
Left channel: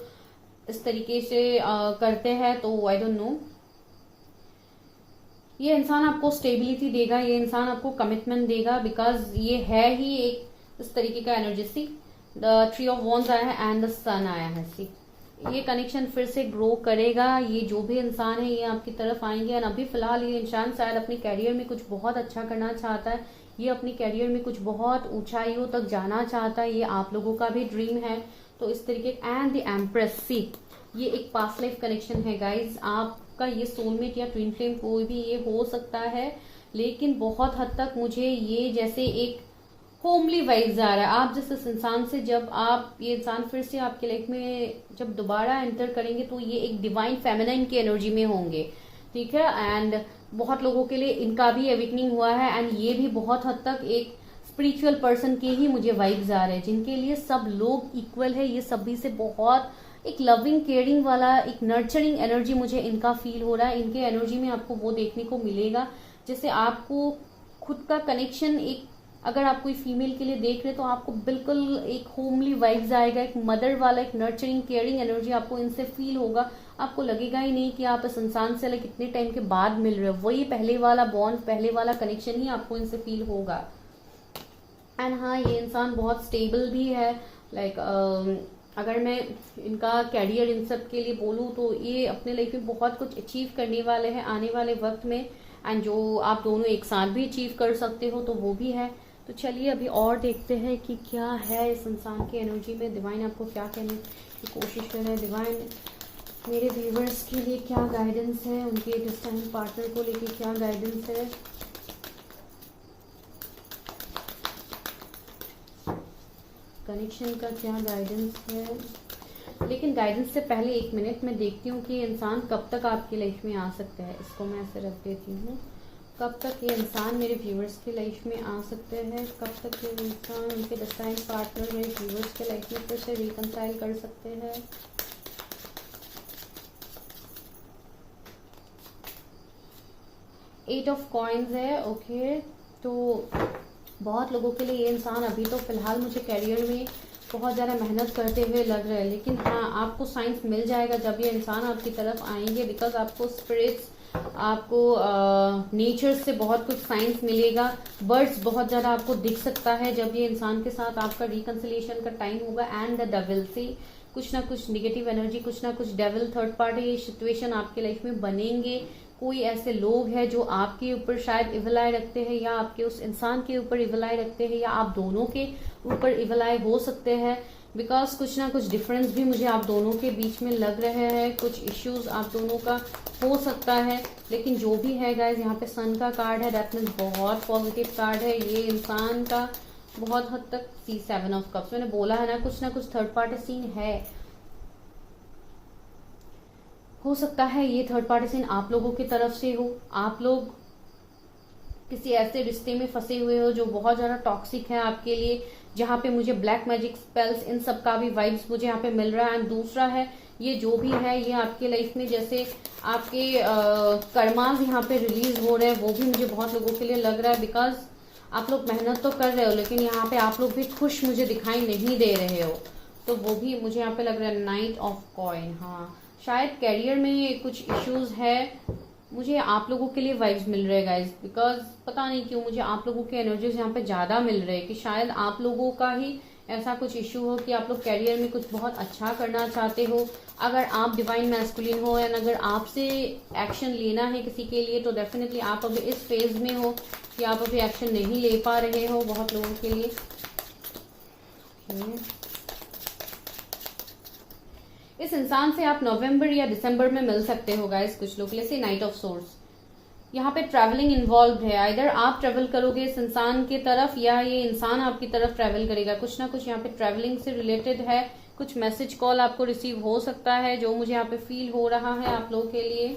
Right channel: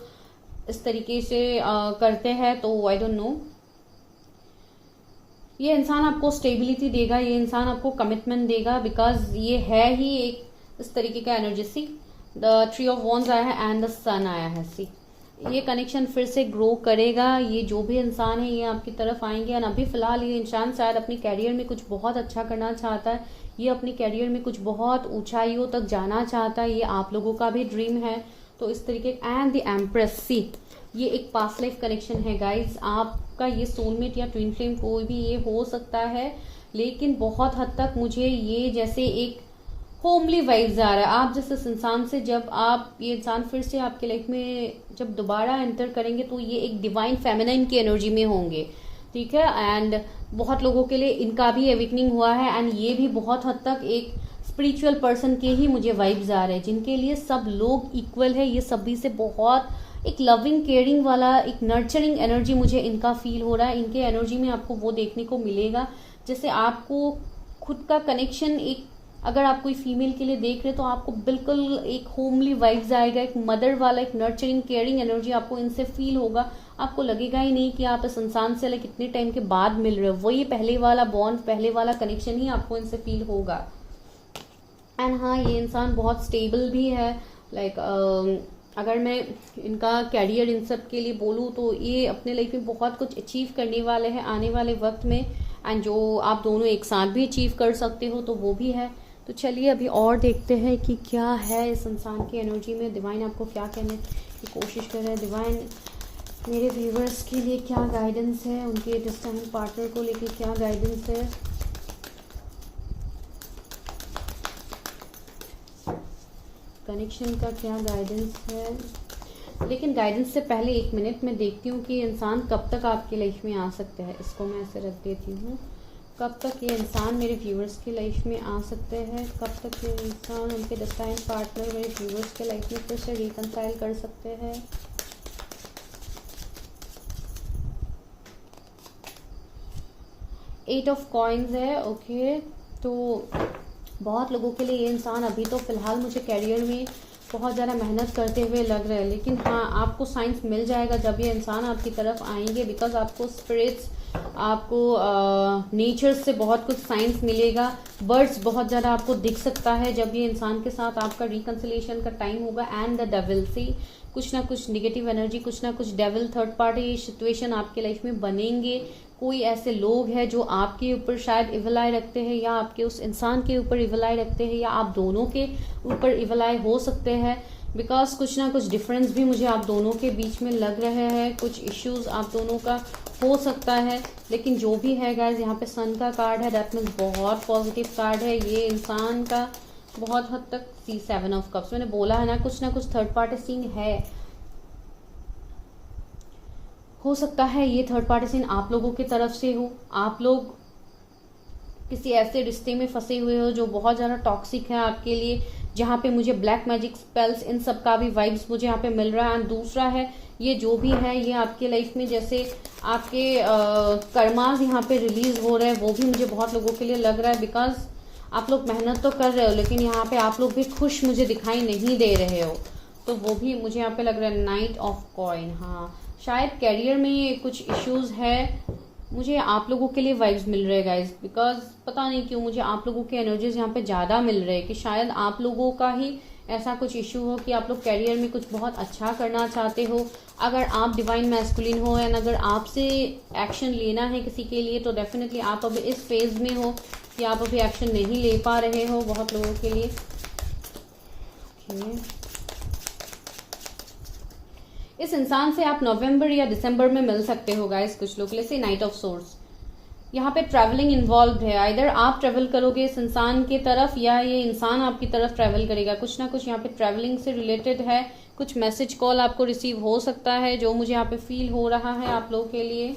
इस तरीके से करते हैं। तो आई डोंट नो, ये इंसान आपको स्टेबिलिटी देगा, ये इंसान आपको कमिटमेंट देगा, बिकॉज ये है ही एक इस तरीके का energy. See the 3 of wands आया है एंड द सन आया है। सी ये कनेक्शन फिर से ग्रो करेगा। ये जो भी इंसान है ये आपकी तरफ आएंगे। और अभी फिलहाल ये इंसान शायद अपने कैरियर में कुछ बहुत अच्छा करना चाहता है। ये अपने कैरियर में कुछ बहुत ऊंचाइयों तक जाना चाहता है। ये आप लोगों का भी ड्रीम है। तो इस तरीके एंड द एम्प्रेस। सी ये एक पास्ट लाइफ कनेक्शन है गाइज। आपका ये सोलमेट या ट्विन फ्लेम कोई भी ये हो सकता है, लेकिन बहुत हद तक मुझे ये जैसे एक होमली वाइब्स आ रहा है। आप जिस इस इंसान से, जब आप ये इंसान फिर से आपके लाइफ में जब दोबारा एंटर करेंगे तो ये एक डिवाइन फेमिनाइन की एनर्जी में होंगे, ठीक है। एंड बहुत लोगों के लिए इनका भी अवेकनिंग हुआ है एंड ये भी बहुत हद तक एक स्पिरिचुअल पर्सन के ही मुझे वाइब्स आ रहे हैं, जिनके लिए सब लोग इक्वल है। ये सभी से बहुत एक लविंग केयरिंग वाला एक नर्चरिंग एनर्जी मुझे इनका फील हो रहा है। इनके एनर्जी में आपको वो देखने को मिलेगा जैसे आपको खुद का कनेक्शन, एक अगर आप कोई फीमेल के लिए देख रहे तो आपको बिल्कुल एक होमली वाइब्स आएगा, एक मदर वाला एक नर्चरिंग केयरिंग एनर्जी आपको इनसे फील होगा। आपको लगेगा ही नहीं कि आप इस इंसान से लाइक कितने टाइम के बाद मिल रहे हो, वही पहले वाला बॉन्ड, पहले वाला कनेक्शन ही आपको इनसे फील होगा। एंड हाँ, ये इंसान बहुत स्टेबल भी है। लाइक अगर मैं इनका कैरियर इन सब के लिए बोलूँ तो ये अपने लाइफ में बहुत कुछ अचीव करने वाले हैं आने वाले वक्त में। एंड जो आप दोनों एक साथ भी अचीव कर सकते हो तो वो भी है। तो चलिए अभी और देखते हैं कि क्या है इस इंसान की एनर्जी में। डिवाइन आपको क्या कहने की कोशिश कर रहे हैं। डिवाइन मेरे व्यूवर्स के लिए क्या गाइडेंस है, उनके डिस्टाइन पार्टनर को लेके क्या गाइडेंस है। कनेक्शन का क्या गाइडेंस है। लेकिन गाइडेंस से पहले 1 मिनट में देखती हूँ कि इंसान कब तक आपकी लाइफ में आ सकता है। इसको मैं ऐसे रख देती हूँ। कब तक ये इंसान मेरे व्यूअर्स की लाइफ में आ सकते हैं, कब तक ये इंसान उनके डिस्टाइन पार्टनर मेरे व्यूअर्स के लाइफ में फिर से रिकंसाइल कर सकते हैं। एट ऑफ कॉइन्स है, ओके। तो बहुत लोगों के लिए ये इंसान अभी तो फिलहाल मुझे कैरियर में बहुत ज़्यादा मेहनत करते हुए लग रहा है, लेकिन हाँ आपको साइंस मिल जाएगा जब ये इंसान आपकी तरफ आएंगे। बिकॉज आपको स्पिरिट्स, आपको नेचर से बहुत कुछ साइंस मिलेगा। बर्ड्स बहुत ज़्यादा आपको दिख सकता है जब ये इंसान के साथ आपका रिकंसिलिएशन का टाइम होगा। एंड द डेविल से कुछ ना कुछ निगेटिव एनर्जी, कुछ ना कुछ डेविल थर्ड पार्टी सिचुएशन आपके लाइफ में बनेंगे। कोई ऐसे लोग हैं जो आपके ऊपर शायद इविल आई रखते हैं, या आपके उस इंसान के ऊपर इविल आई रखते हैं, या आप दोनों के ऊपर इविल आई हो सकते हैं। बिकॉज कुछ ना कुछ डिफरेंस भी मुझे आप दोनों के बीच में लग रहे हैं, कुछ इश्यूज आप दोनों का हो सकता है। लेकिन जो भी है गाइज, यहाँ पे सन का कार्ड है, दैट मीन्स बहुत पॉजिटिव कार्ड है। ये इंसान का बहुत हद तक C7 ऑफ कप्स, मैंने बोला है ना कुछ थर्ड पार्टी सीन है। हो सकता है ये थर्ड पार्टी सीन आप लोगों की तरफ से हो। आप लोग किसी ऐसे रिश्ते में फंसे हुए हो जो बहुत ज्यादा टॉक्सिक है आपके लिए, जहाँ पे मुझे ब्लैक मैजिक स्पेल्स इन सब का भी वाइब्स मुझे यहाँ पे मिल रहा है। एंड दूसरा है, ये जो भी है ये आपके लाइफ में जैसे आपके कर्मास यहाँ पे रिलीज हो रहे हैं, वो भी मुझे बहुत लोगों के लिए लग रहा है। बिकॉज आप लोग मेहनत तो कर रहे हो, लेकिन यहाँ पे आप लोग भी खुश मुझे दिखाई नहीं दे रहे हो, तो वो भी मुझे यहाँ पे लग रहा है। नाइट ऑफ कॉइन, हाँ शायद कैरियर में ये कुछ इश्यूज है, मुझे आप लोगों के लिए वाइब्स मिल रहे हैं गाइज। बिकॉज पता नहीं क्यों मुझे आप लोगों के एनर्जीज यहाँ पे ज्यादा मिल रहे हैं कि शायद आप लोगों का ही ऐसा कुछ इश्यू हो कि आप लोग कैरियर में कुछ बहुत अच्छा करना चाहते हो। अगर आप डिवाइन मैस्कुलिन हो एंड अगर आपसे एक्शन लेना है किसी के लिए, तो डेफिनेटली आप अभी इस फेज में हो कि आप अभी एक्शन नहीं ले पा रहे हो बहुत लोगों के लिए। इस इंसान से आप नवंबर या दिसंबर में मिल सकते हो गाइस कुछ लोग। जैसे नाइट ऑफ सोर्स, यहाँ पे ट्रैवलिंग इन्वॉल्व है। आइदर आप ट्रेवल करोगे इस इंसान की तरफ या ये इंसान आपकी तरफ ट्रेवल करेगा। कुछ ना कुछ यहाँ पे ट्रैवलिंग से रिलेटेड है। कुछ मैसेज कॉल आपको रिसीव हो सकता है, जो मुझे यहाँ पे फील हो रहा है आप लोगों के लिए।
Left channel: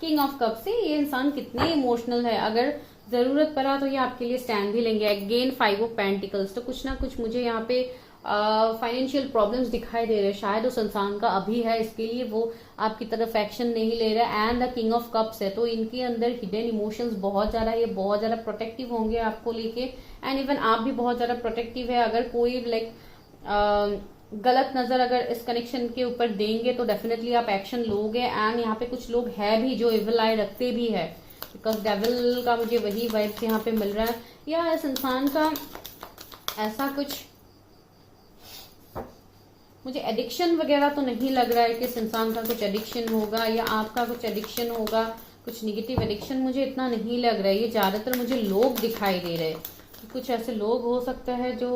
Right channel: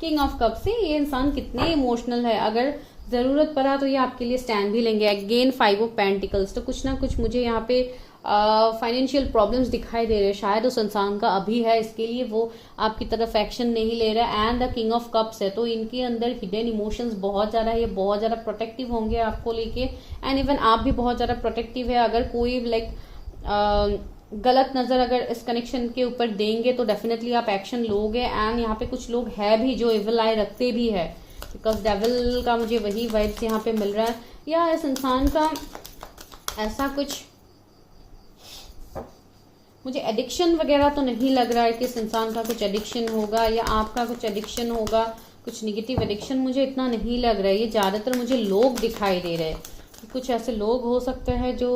किंग ऑफ कप से ये इंसान कितने इमोशनल है, अगर जरूरत पड़ा तो ये आपके लिए स्टैंड भी लेंगे। अगेन 5 ऑफ पेंटिकल्स, तो कुछ ना कुछ मुझे यहाँ पे फाइनेंशियल प्रॉब्लम्स दिखाई दे रहे हैं, शायद उस इंसान का अभी है, इसके लिए वो आपकी तरफ एक्शन नहीं ले रहा। And the king of cups है, तो इनके अंदर हिडन इमोशंस बहुत ज्यादा है, ये बहुत ज्यादा प्रोटेक्टिव होंगे आपको लेके। एंड इवन आप भी बहुत ज्यादा प्रोटेक्टिव है। अगर कोई लाइक गलत नजर अगर इस कनेक्शन के ऊपर देंगे तो डेफिनेटली आप एक्शन लोगे। एंड यहाँ पे कुछ लोग है भी जो इविल आई रखते भी है, बिकॉज डेविल का मुझे वही वाइब्स यहाँ पे मिल रहा है। या इस इंसान का ऐसा कुछ मुझे एडिक्शन वगैरह तो नहीं लग रहा है कि इस इंसान का कुछ एडिक्शन होगा या आपका कुछ एडिक्शन होगा। कुछ निगेटिव एडिक्शन मुझे इतना नहीं लग रहा है। ये ज्यादातर मुझे लोग दिखाई दे रहे हैं, कुछ ऐसे लोग हो सकते हैं जो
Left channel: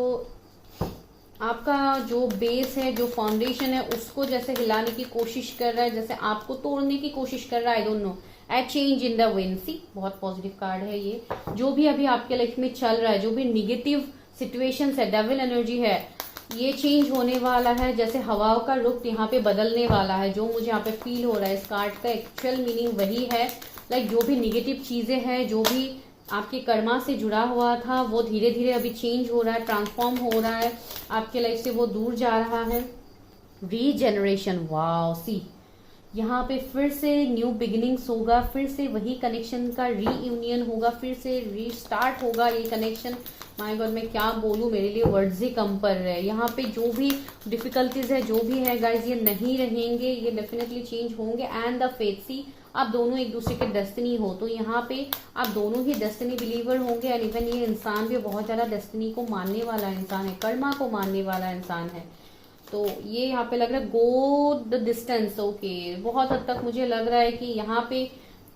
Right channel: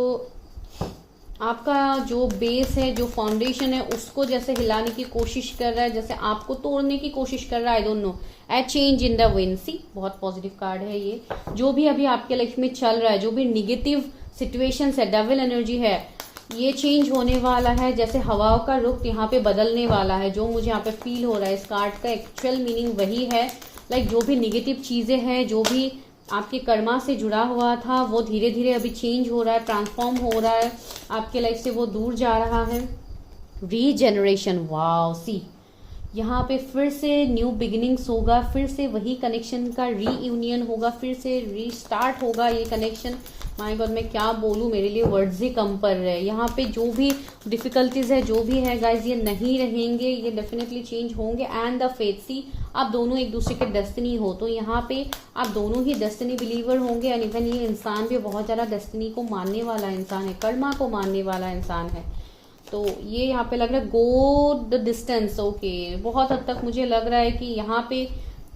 आपका जो बेस है, जो फाउंडेशन है, उसको जैसे हिलाने की कोशिश कर रहा है, जैसे आपको तोड़ने की कोशिश कर रहा है। I don't know, a change in the wind. See, बहुत पॉजिटिव कार्ड है ये। जो भी अभी आपके लाइफ में चल रहा है, जो भी निगेटिव सिचुएशंस है, डेविल एनर्जी है, ये चेंज होने वाला है। जैसे हवाओं का रुख यहाँ पे बदलने वाला है, जो मुझे यहाँ पे फील हो रहा है। इस कार्ड का एक्चुअल मीनिंग वही है, लाइक जो भी निगेटिव चीजें हैं, जो भी आपके कर्मा से जुड़ा हुआ था, वो धीरे धीरे अभी चेंज हो रहा है, ट्रांसफॉर्म हो रहा है, आपके लाइफ से वो दूर जा रहा है। रीजेनरेशन, वाओ, सी, यहाँ पे फिर से न्यू बिगिनिंग्स होगा, फिर से वही कनेक्शन का रीयूनियन होगा, फिर से रीस्टार्ट होगा ये कनेक्शन। माय गॉड, मैं क्या बोलूँ, मेरे लिए वर्ड्स ही कम पड़ रहे हैं। यहाँ पे जो भी डिफिकल्टीज है, जो भी है गाइज, ये नहीं रहेंगे, ये डेफिनेटली चेंज होंगे। एंड द फेथ, सी, आप दोनों एक दूसरे के डेस्टिनी हो, तो यहाँ पे आप दोनों ही डेस्टिनी बिलीवर होंगे। एंड इवन ये इंसान भी बहुत ज्यादा डेस्टिनी को मानने वाला इंसान है, कर्मा को मानने वाला इंसान है। तो ये यहाँ पे लग रहा है गो द डिस्टेंस। ओके, बहुत हद तक मुझे लग रहा है कि यहाँ पे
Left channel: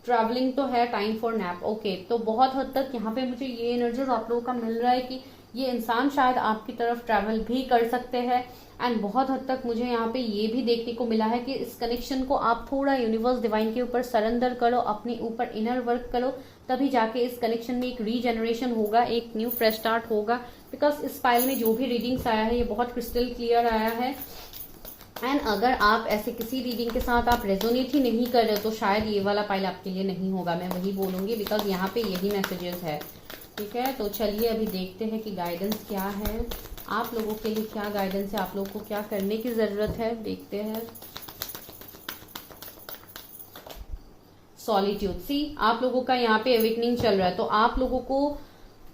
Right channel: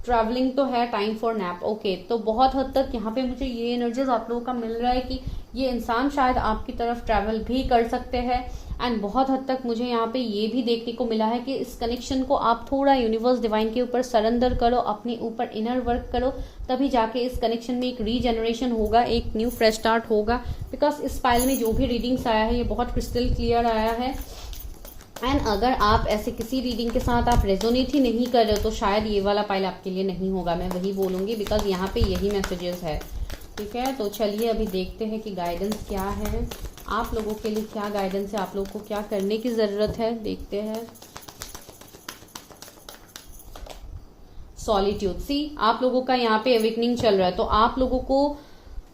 ट्रैवलिंग तो है, टाइम फॉर नैप। ओके, तो बहुत हद तक यहाँ पे मुझे ये एनर्जीज आप लोगों का मिल रहा है कि ये इंसान शायद आपकी तरफ ट्रैवल भी कर सकते हैं। एंड बहुत हद तक मुझे यहाँ पे ये भी देखने को मिला है कि इस कनेक्शन को आप थोड़ा यूनिवर्स डिवाइन के ऊपर सरेंडर करो, अपने ऊपर इनर वर्क करो, तभी जाके इस कनेक्शन में एक रीजनरेशन होगा, एक न्यू फ्रेश स्टार्ट होगा। बिकॉज इस फाइल में जो भी रीडिंग्स आया है, ये बहुत क्रिस्टल क्लियर आया है। एंड अगर आप ऐसे किसी रीडिंग के साथ आप रेजोनेट ही नहीं कर रहे हो, तो शायद ये वाला फाइल आपके लिए नहीं होगा, मैं वही बोलूंगी, बिकॉज यहाँ पे यही मैसेजेस है। ठीक है, तो चलिए अभी देखते हैं कि गाइडेंस क्या है आप लोगों के लिए, क्या गाइडेंस है, आप लोगों को क्या करने की जरूरत है, देखते हैं। सॉलिट्यूड, सी, आप लोगों का यहाँ पे अवेकनिंग चल रहा है, तो आप लोगों को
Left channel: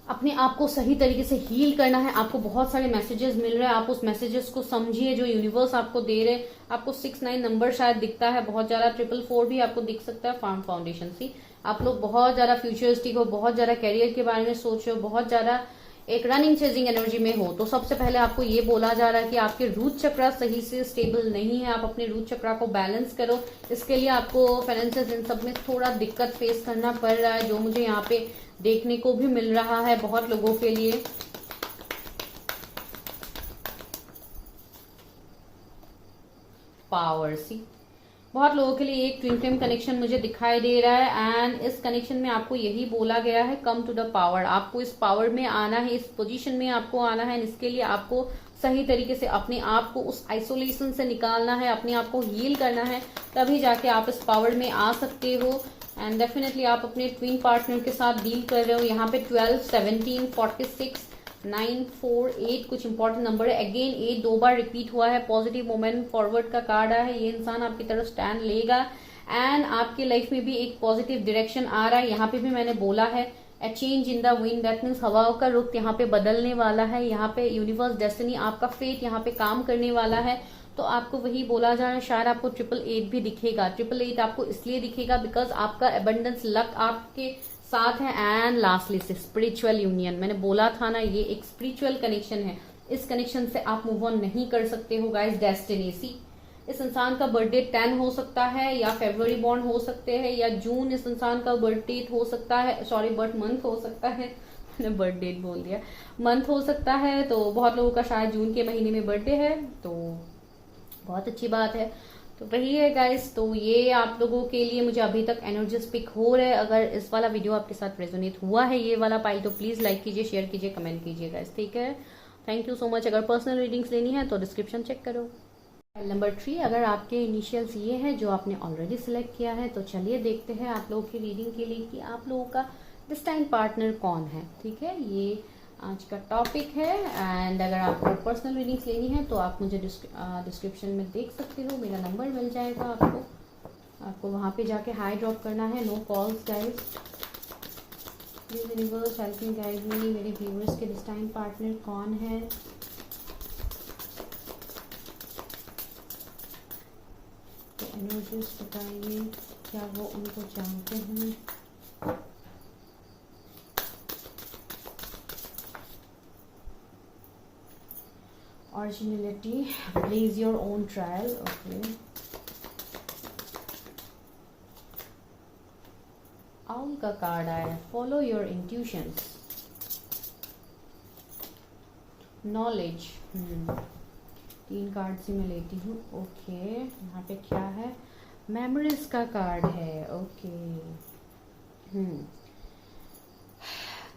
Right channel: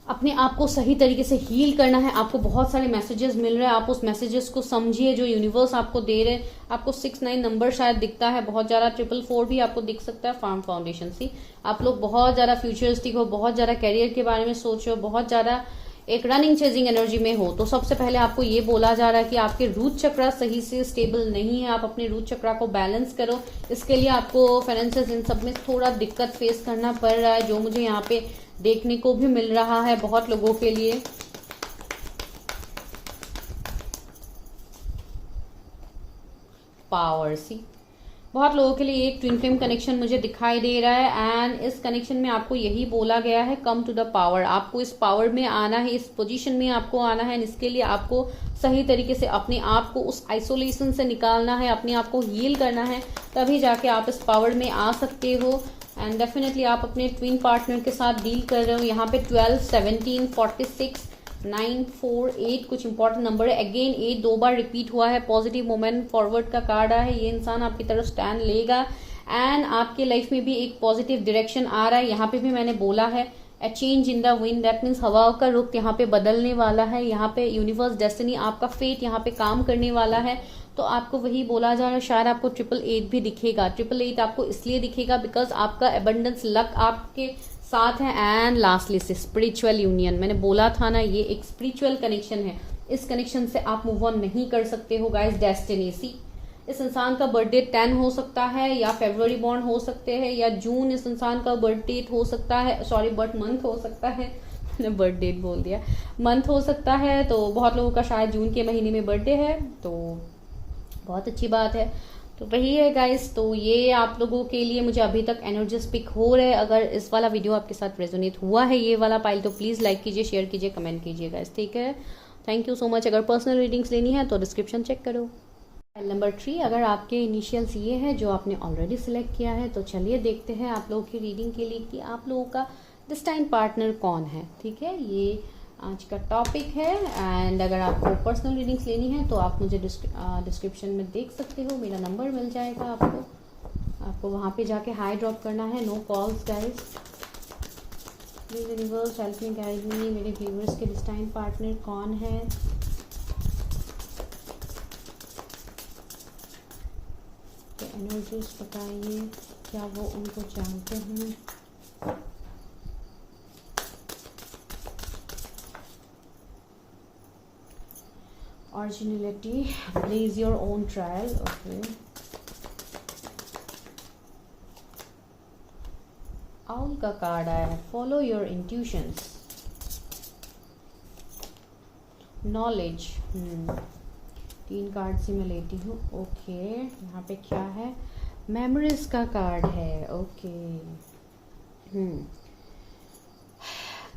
अपने आप को सही तरीके से हील करना है। आपको बहुत सारे मैसेजेस मिल रहे हैं, आप उस मैसेजेस को समझिए जो यूनिवर्स आपको दे रहे हैं। आपको 6-9 नंबर शायद दिखता है, बहुत ज्यादा 444 भी आपको दिख सकता है। फार्म फाउंडेशन, सी, आप लोग बहुत ज्यादा फ्यूचरिस्टिक हो, बहुत ज्यादा कैरियर के बारे में सोच रहे हो, बहुत ज्यादा एक रनिंग चेजिंग एनर्जी में हो। तो सबसे पहले आपको ये बोला जा रहा है कि आपके रूट चक्रा सही से स्टेबल नहीं है, आप अपने रूट चक्रा को बैलेंस करो। इसके लिए आपको फाइनेंसेस इन सब में थोड़ा दिक्कत फेस करना पड़ रहा है, जो मुझे यहाँ पे देखने को भी मिल रहा है बहुत लोगों के लिए। पावर, सी, बहुत लोगों के लिए एक ट्विन फ्लेम कनेक्शन मुझे दिखाई दे रहा है। एंड इस कनेक्शन में आपको यही बोला गया है, कम टू द पावर। आपको इस पावर में आना है, इस पोजीशन में आपको आना है। इसके लिए आपको सही तरीके से अपने आप को उस आइसोलेशन से निकालना है, अपने आप को हील करना है, तभी जाके आप इस पावर में आ सकते हो। एंड डेफिनेटली आप अपने ट्विन पार्टनर के साथ डील कर रहे हो। यहाँ पे 12, 17, 46, 9, 4, 8 कुछ इंपॉर्टेंट नंबर है। अगेन 8 2 बार रिपीट हुआ है। पॉजिटिव मोमेंट फॉरवर्ड का कार्ड आया है। ये इंसान आपकी तरफ स्टैंड लेगा एंड आपके लाइफ में भी एक पॉजिटिव डायरेक्शन आ रहा है। यहाँ पे भी मैंने बोला है ए change in the wind, that means हवाओं का रुख यहाँ पे बदलने वाला है। यहाँ पे यूनिवर्स डेस्टिनी, आपका फेट यहाँ पे काम करने वाला है। तो आपको वही बोला जा रहा है। शायद आपको 888 भी दिखेगा। 888 आपको इसलिए दिखेगा बिकॉज आपका एबंडेंस लक आपके साथ है। एंड लास्टली से स्पिरिचुअल यूनियन, मैंने बोला था ना, ये एक स्पिरिचुअल कनेक्शन है। इस कनेक्शन से आप मूव ऑन नहीं कर सकते हो गाइस। डेस्टिनी, सी, इस इंसान का बर्थडे 10 हो सकता है, या फरवरी बॉर्न हो सकते हैं, या जून इस इंसान का बर्थ डेट हो सकता है, सॉरी बर्थ मंथ हो सकता है, मैंने बर्थ डेट बोल दिया, मंथ हो सकता है। तो बहुत लोगों का शायद जून के महीने में बर्थडे है, तो बहुत अच्छी बात है। तो वही है गाइस, तो ये आप लोगों के लिए मुझे अभी तक एनर्जीज पिक हो रहे हैं। अगर इस वाला वीडियो आपके साथ रेजोनेट हुआ है, ये वाला पाइल, तो प्लीज लाइक कीजिए, शेयर कीजिए, कमेंट कीजिए गाइस, ठीक है। Thank you so much. अगर पर्सनल रीडिंग्स लेनी है तो डिस्क्रिप्शन चेक करो। नंबर 3, अगर आपके इनिशियल्स ये है जो आपने ऑलरेडी सिलेक्ट किया है, तो चलिए देखते हैं आप लोगों की रीडिंग के लिए कि आप लोगों का डिस्टाइन पार्टनर कौन है। ठीक है, ये आज का टॉपिक है। एंड अगर आपको पर्सनल रीडिंग्स लेनी है तो आप मुझे डिस्क्रिप्शन में देख सकते हो, मेरा नंबर मिल जाएगा आपको वहां पे जाके हाई ड्रॉप करना है। No calls guys. Please universe help me, guide me, मेरे व्यूअर्स के डिस्टाइन पार्टनर कौन है। तो एनर्जीज बताइए, क्या वो उनको जानते हैं। Originality, blaze your own trail. Okay. Owl का कार्ड आया है, follow your intuitions. Knowledge. 3 card से मैं लेती हूँ। ओके, यहाँ पे क्या है? मेमोरीज का कार्ड है। ओके।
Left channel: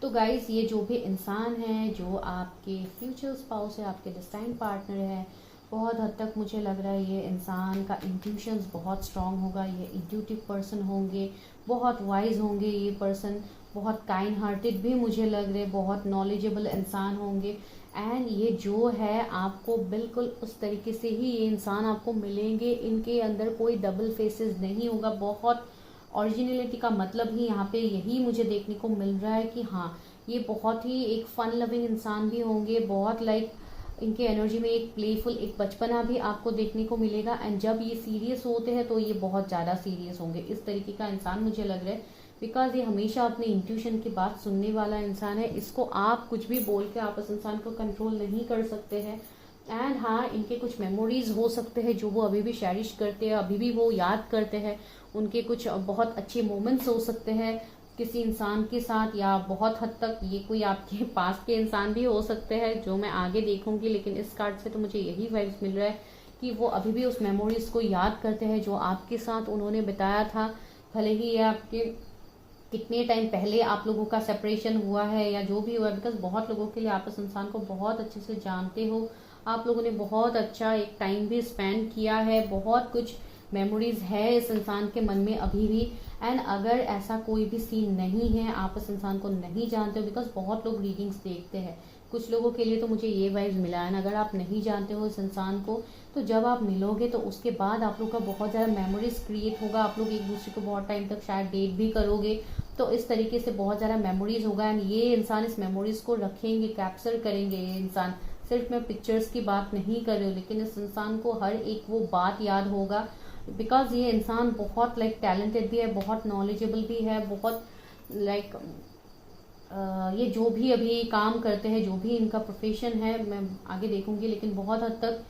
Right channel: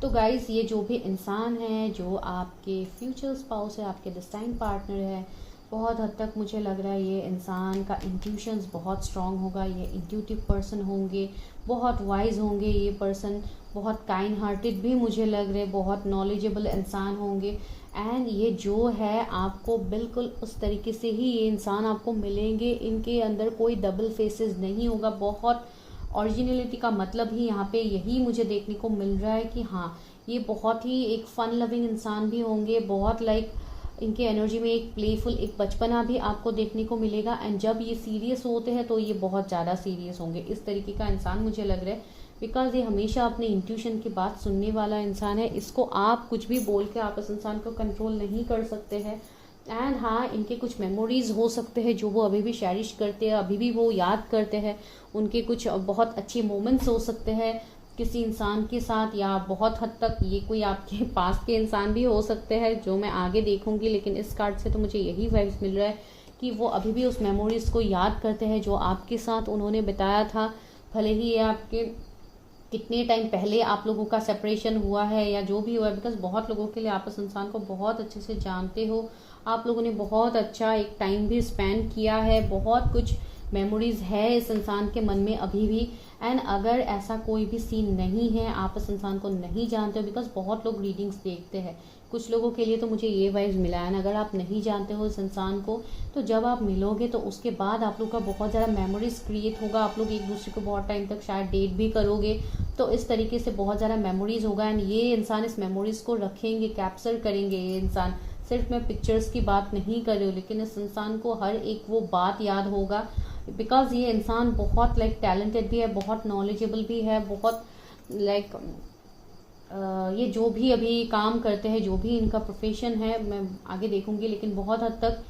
तो गाइस, ये जो भी इंसान है, जो आपके फ्यूचर स्पाउस है, आपके डिस्टाइन पार्टनर है, बहुत हद तक मुझे लग रहा है ये इंसान का इंट्यूशंस बहुत स्ट्रांग होगा। ये इंट्यूटिव पर्सन होंगे, बहुत वाइज होंगे ये पर्सन, बहुत काइंड हार्टेड भी मुझे लग रहे, बहुत नॉलेजेबल इंसान होंगे। एंड ये जो है आपको बिल्कुल उस तरीके से ही ये इंसान आपको मिलेंगे। इनके अंदर कोई डबल फेसेस नहीं होगा। बहुत ओरिजिनलिटी का मतलब ही यहाँ पे यही मुझे देखने को मिल रहा है कि हाँ, ये बहुत ही एक फन लविंग इंसान भी होंगे। बहुत इनके एनर्जी में एक प्लेफुल, एक बचपना भी आपको देखने को मिलेगा। एंड जब ये सीरियस होते हैं तो ये बहुत ज़्यादा सीरियस होंगे। इस तरीके का इंसान मुझे लग रहा है, बिकॉज ये हमेशा अपने इंट्यूशन की बात सुनने वाला इंसान है। इसको आप कुछ भी बोल के आप इस इंसान को कंट्रोल नहीं कर सकते हैं। एंड हाँ, इनके कुछ मेमोरीज हो सकते हैं जो वो अभी भी चेरिश करते हैं, अभी भी वो याद करते हैं। उनके कुछ बहुत अच्छे मोमेंट्स हो सकते हैं किसी इंसान के साथ, या बहुत हद तक ये कोई आपके पास के इंसान भी हो सकते हैं, जो मैं आगे देखूंगी। लेकिन इस कार्ड से तो मुझे यही वाइब्स मिल रहा है कि वो अभी भी उस मेमोरीज को याद करते हैं जो आपके साथ उन्होंने बिताया था। भले ही ये आपके कितने टाइम पहले आप लोगों का सेपरेशन हुआ है या जो भी हुआ है, बिकॉज बहुत लोगों के लिए आप इस इंसान को बहुत अच्छे से जानते हो। आप लोगों ने बहुत अच्छा एक टाइम भी स्पेंड किया है, बहुत कुछ मेमोरीज है इस इंसान के मन में अभी भी। एंड अगर ऐसा कोई भी सीन नहीं है, आप इस इंसान को नहीं जानते हो, बिकॉज बहुत लोग रीडिंग्स देखते हैं, कुछ लोगों के लिए तो मुझे ये वाइब्स मिला है। अगर आप नहीं जानते हो इस इंसान को, तो जब आप मिलोगे तो उसके बाद आप लोग का बहुत ज़्यादा मेमोरीज क्रिएट होगा। आप लोग एक दूसरे को बहुत टाइम तक शायद डेट भी करोगे, तो इस तरीके से बहुत ज़्यादा मेमोरीज होगा। एंड ये इंसान इस मेमोरीज को रखेंगे, कैप्चर करेंगे। ये इंसान, सिर्फ मैं पिक्चर्स की बात नहीं कर रही हूँ, लेकिन इस इंसान को हर एक वो बात याद होगा, बिकॉज ये इंसान बहुत टैलेंटेड भी है, बहुत नॉलेजेबल भी है, बहुत ये जो भी अभी काम करते हैं, जो भी इनका प्रोफेशन है, मैं आगे देखूंगी, लेकिन बहुत हद तक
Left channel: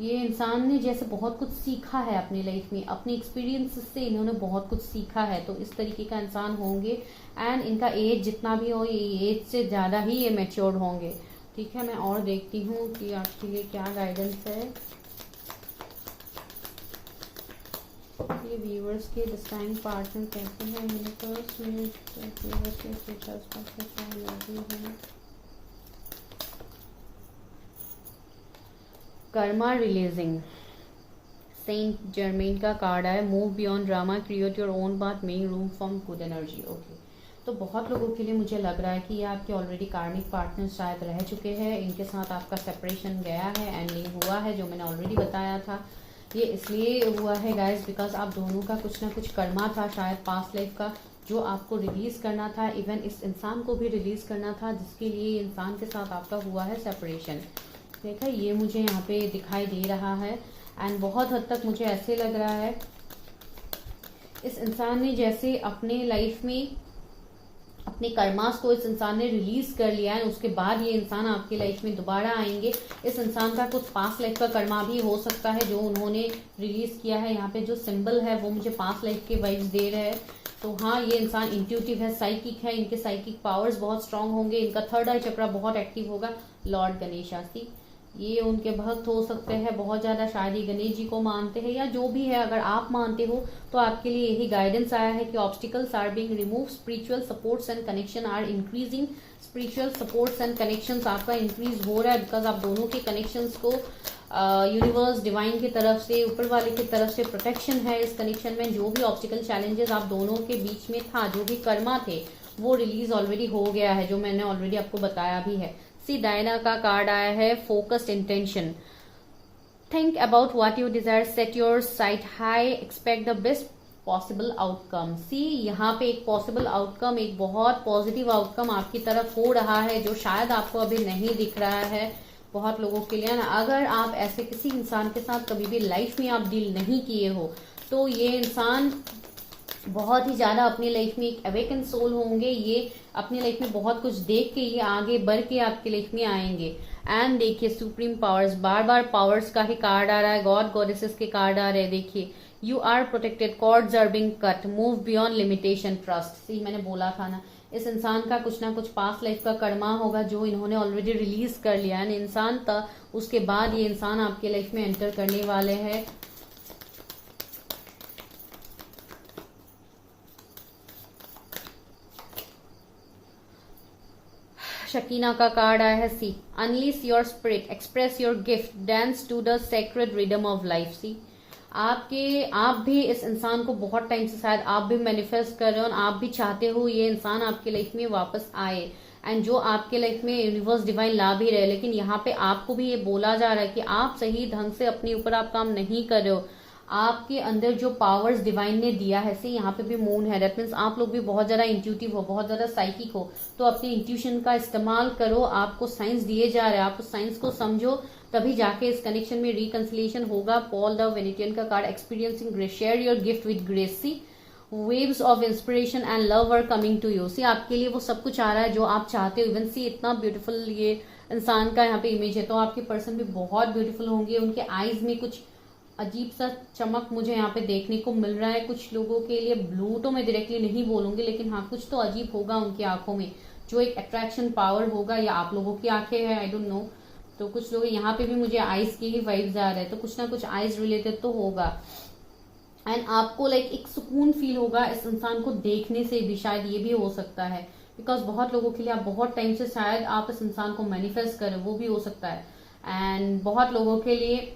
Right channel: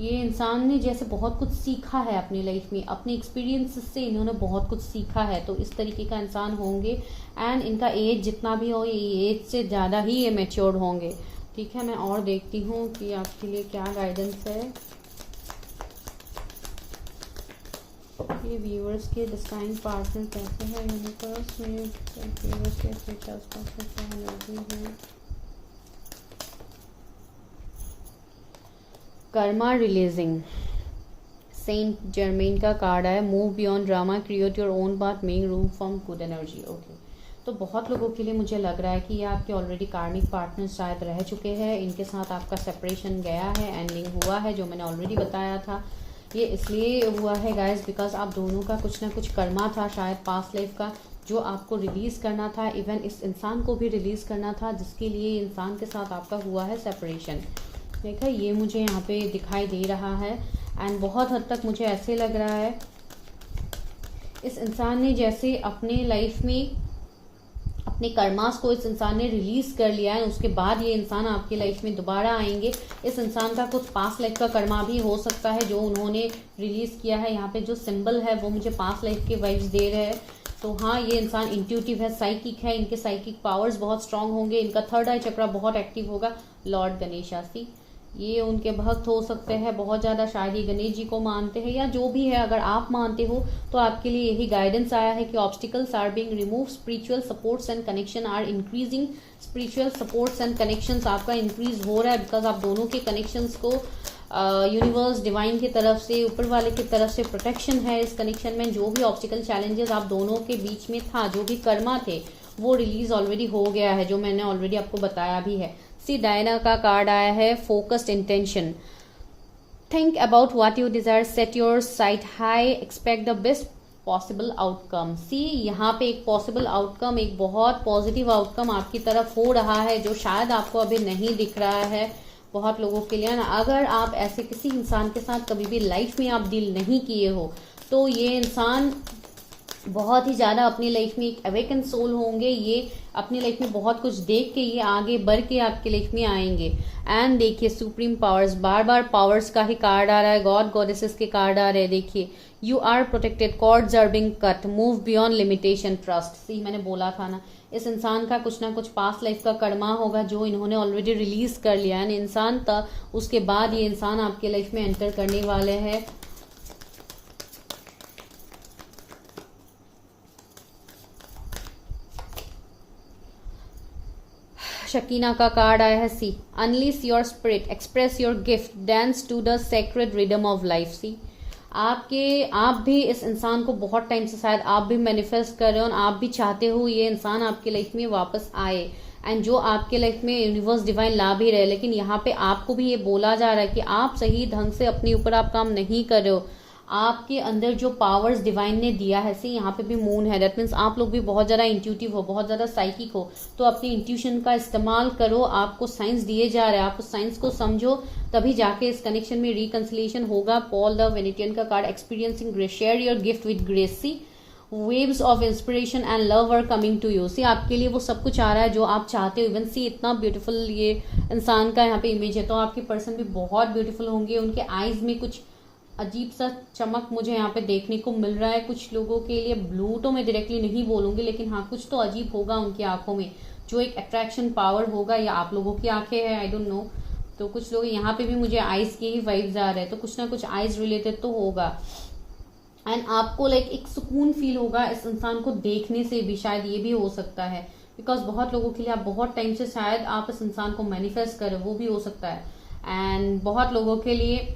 ये इंसान ने जैसे बहुत कुछ सीखा है अपनी लाइफ में, अपने एक्सपीरियंस से इन्होंने बहुत कुछ सीखा है। तो इस तरीके का इंसान होंगे। एंड इनका एज जितना भी हो, ये एज से ज़्यादा ही ये मैच्योर्ड होंगे। ठीक है, मैं और देखती हूँ कि आपके लिए क्या गाइडेंस है। ये व्यूअर्स के डिस्टाइन पार्टनर कैसे हैं, यूनिवर्स में व्यूअर्स के फ्यूचर क्या एनर्जी है। कर्मा रिलीजिंग, सेंट जर्मेन का कार्ड है। Move beyond drama, create your own path, make room from good energy. Okay, तो बहुत लोगों के लिए मुझे लग रहा है कि ये आपके ऑलरेडी कार्मिक पार्टनर शायद रह चुके हैं। इनके साथ आपका सेपरेशन गया है, एंडिंग हुआ है, जो मैंने ऑलरेडी बताया था। ये इसलिए हुआ है गाइस, बिकॉज आप दोनों का कुछ ना कुछ कर्मा था शायद पास्ट लाइफ का, जो आपको रिलीज करना था। इवन इस इंसान को भी रिलीज करना था, जिसके लिए इंसान के साथ आपका हुआ है सेपरेशन। देखा, ये मुझे यहाँ पे दिखाई दे रहा है। एंड बहुत हद तक मुझे ऐसे लग रहा है इस इंसान ने जैसे अपने लाइफ में अपने कर्मास को इस इंसान ने रिलीज कर लिया है, उसके बाद ये इंसान आपकी लाइफ में दोबारा आएंगे। इस इंसान का कुछ पास्ट लाइफ का कर्मा भी हो सकता है जो उन्होंने रिलीज किया है। यहाँ पे जो सिंबल है वो मुझे पास्ट लाइफ के वाइब्स दे रहे हैं। तो हाँ, ये इंसान इंट्यूटिव है, साइकिक है, इनके साइकिक पावर्स बहुत स्ट्रांग होंगे, इनका थर्ड आई चक्रा बहुत एक्टिव होगा। लॉर्ड गणेशासी, ये उनके भक्त हो सकते हैं बहुत ज्यादा, शायद ये गणेश जी को मानते हैं या जो भी है। अगर आप मानते हो तो आपके लिए यही गाइडेंस आया है कि obstacles are being remove, spiritual supports and connection are increasing. Spiritual supports and connections आपका इंक्रीज हो रहा है, बिकॉज आप दोनों के कनेक्शंस को यूनिवर्स डिवाइन की तरफ से, ऊपर वाले की तरफ से प्रोटेक्शन है इस कनेक्शन में। जो भी ऑब्स्टिकल चैलेंजेस आप दोनों के बीच में था, जो भी कर्मा थे, वो रिलीज ऑलरेडी हो गया है, जो मैंने ऑलरेडी आपको बताया भी है। सी डायना का कार्ड आया है, focused intention. Think about what you desire, set your sight high, expect the best possible outcome. See, यहाँ पे एक पॉसिबल आउटकम, एक बहुत पॉजिटिव आउटकम आपकी तरफ हो रहा है, जो शायद आपको अभी नहीं दिख रहा है बहुत लोगों के लिए ना। अगर आप ऐसे किसी इंसान के साथ कभी भी लाइफ में आप डील नहीं किए हो, तो ये इंसान बहुत ही ज्यादा अपनी लाइफ में एक अवेकन सोल होंगे। ये अपनी लाइफ में बहुत कुछ देख के ये आगे बढ़ के आपकी लाइफ में आएंगे। एंड देखिए, सुप्रीम पावर्स, बार बार पावर्स का ही कार्ड आ रहा है, गॉड गॉडेसेस के कार्ड आ रहे हैं। देखिए, you are protected, cords are being cut, move beyond limitation, trust. See मैंने बोला था ना, इस इंसान का कुछ ना कुछ पास्ट लाइफ का कर्मा होगा जो इन्होंने ऑलरेडी रिलीज कर लिया है इंसान था, उसके बाद ये इंसान आपके लाइफ में एंटर करने वाले हैं। शकीना का कार्ड आया है। See unleash your spirit, express your gift, dance to the sacred rhythm of life. See आप भी इस इंसान को बहुत टाइम से शायद आप भी मैनिफेस्ट कर रहे हो और आप भी चाहते हो ये इंसान आपके लाइफ में वापस आए, एंड जो आपके लाइफ में यूनिवर्स डिवाइन ला भी रहे, लेकिन यहाँ पे आपको भी ये बोला जा रहा है कि आप सही ढंग से अपने ऊपर आप काम नहीं कर रहे हो। आपके अंदर जो पावर्स डिवाइन ने दिया है, सी यहाँ पे भी मून है, दैट मीन्स आप लोग भी बहुत ज्यादा इंट्यूटिव हो, बहुत ज्यादा साइकिक हो, तो अपनी इंट्यूशन का इस्तेमाल करो। आपको साइंस दिए जा रहे हैं, आप उस साइंस को समझो, तभी जाके इस कनेक्शन में रिकंसिलिएशन होगा। पॉल द वेनेटियन का card, experiencing grace, share your gift with grace. See waves of inspiration and love are coming to you. सी आपके लिए वो सब कुछ आ रहा है जो आप चाहते हो। इवन सी इतना ब्यूटीफुल ये इंसान का यहाँ पे इमेज है, तो आपके पर्सन भी बहुत ब्यूटीफुल होंगे। उनके आईज में कुछ अजीब सा चमक मुझे यहाँ पे देखने को मिल रहा है। कुछ लोगों के लिए ब्लू तो मैं डायरेक्टली नहीं बोलूंगी, लेकिन हाँ कुछ तो अजीब होगा उनकी आंखों में, जो एक अट्रैक्शन पावर होगा, या आप लोगों की आंखें हैं, आई डोंट नो। तो कुछ लोग यहाँ पे भी मुझे आइज की ही वाइब्स आ रहे हैं, तो कुछ ना कुछ आइज रिलेटेड तो होगा। एंड आपको लाइक एक सुकून फील होगा इस इंसान को देखने से भी, शायद ये भी हो सकता है, बिकॉज बहुत लोगों के लिए आप बहुत टाइम से शायद आप इस इंसान को मैनिफेस्ट करें, वो भी हो सकता है। एंड बहुत लोगों के लिए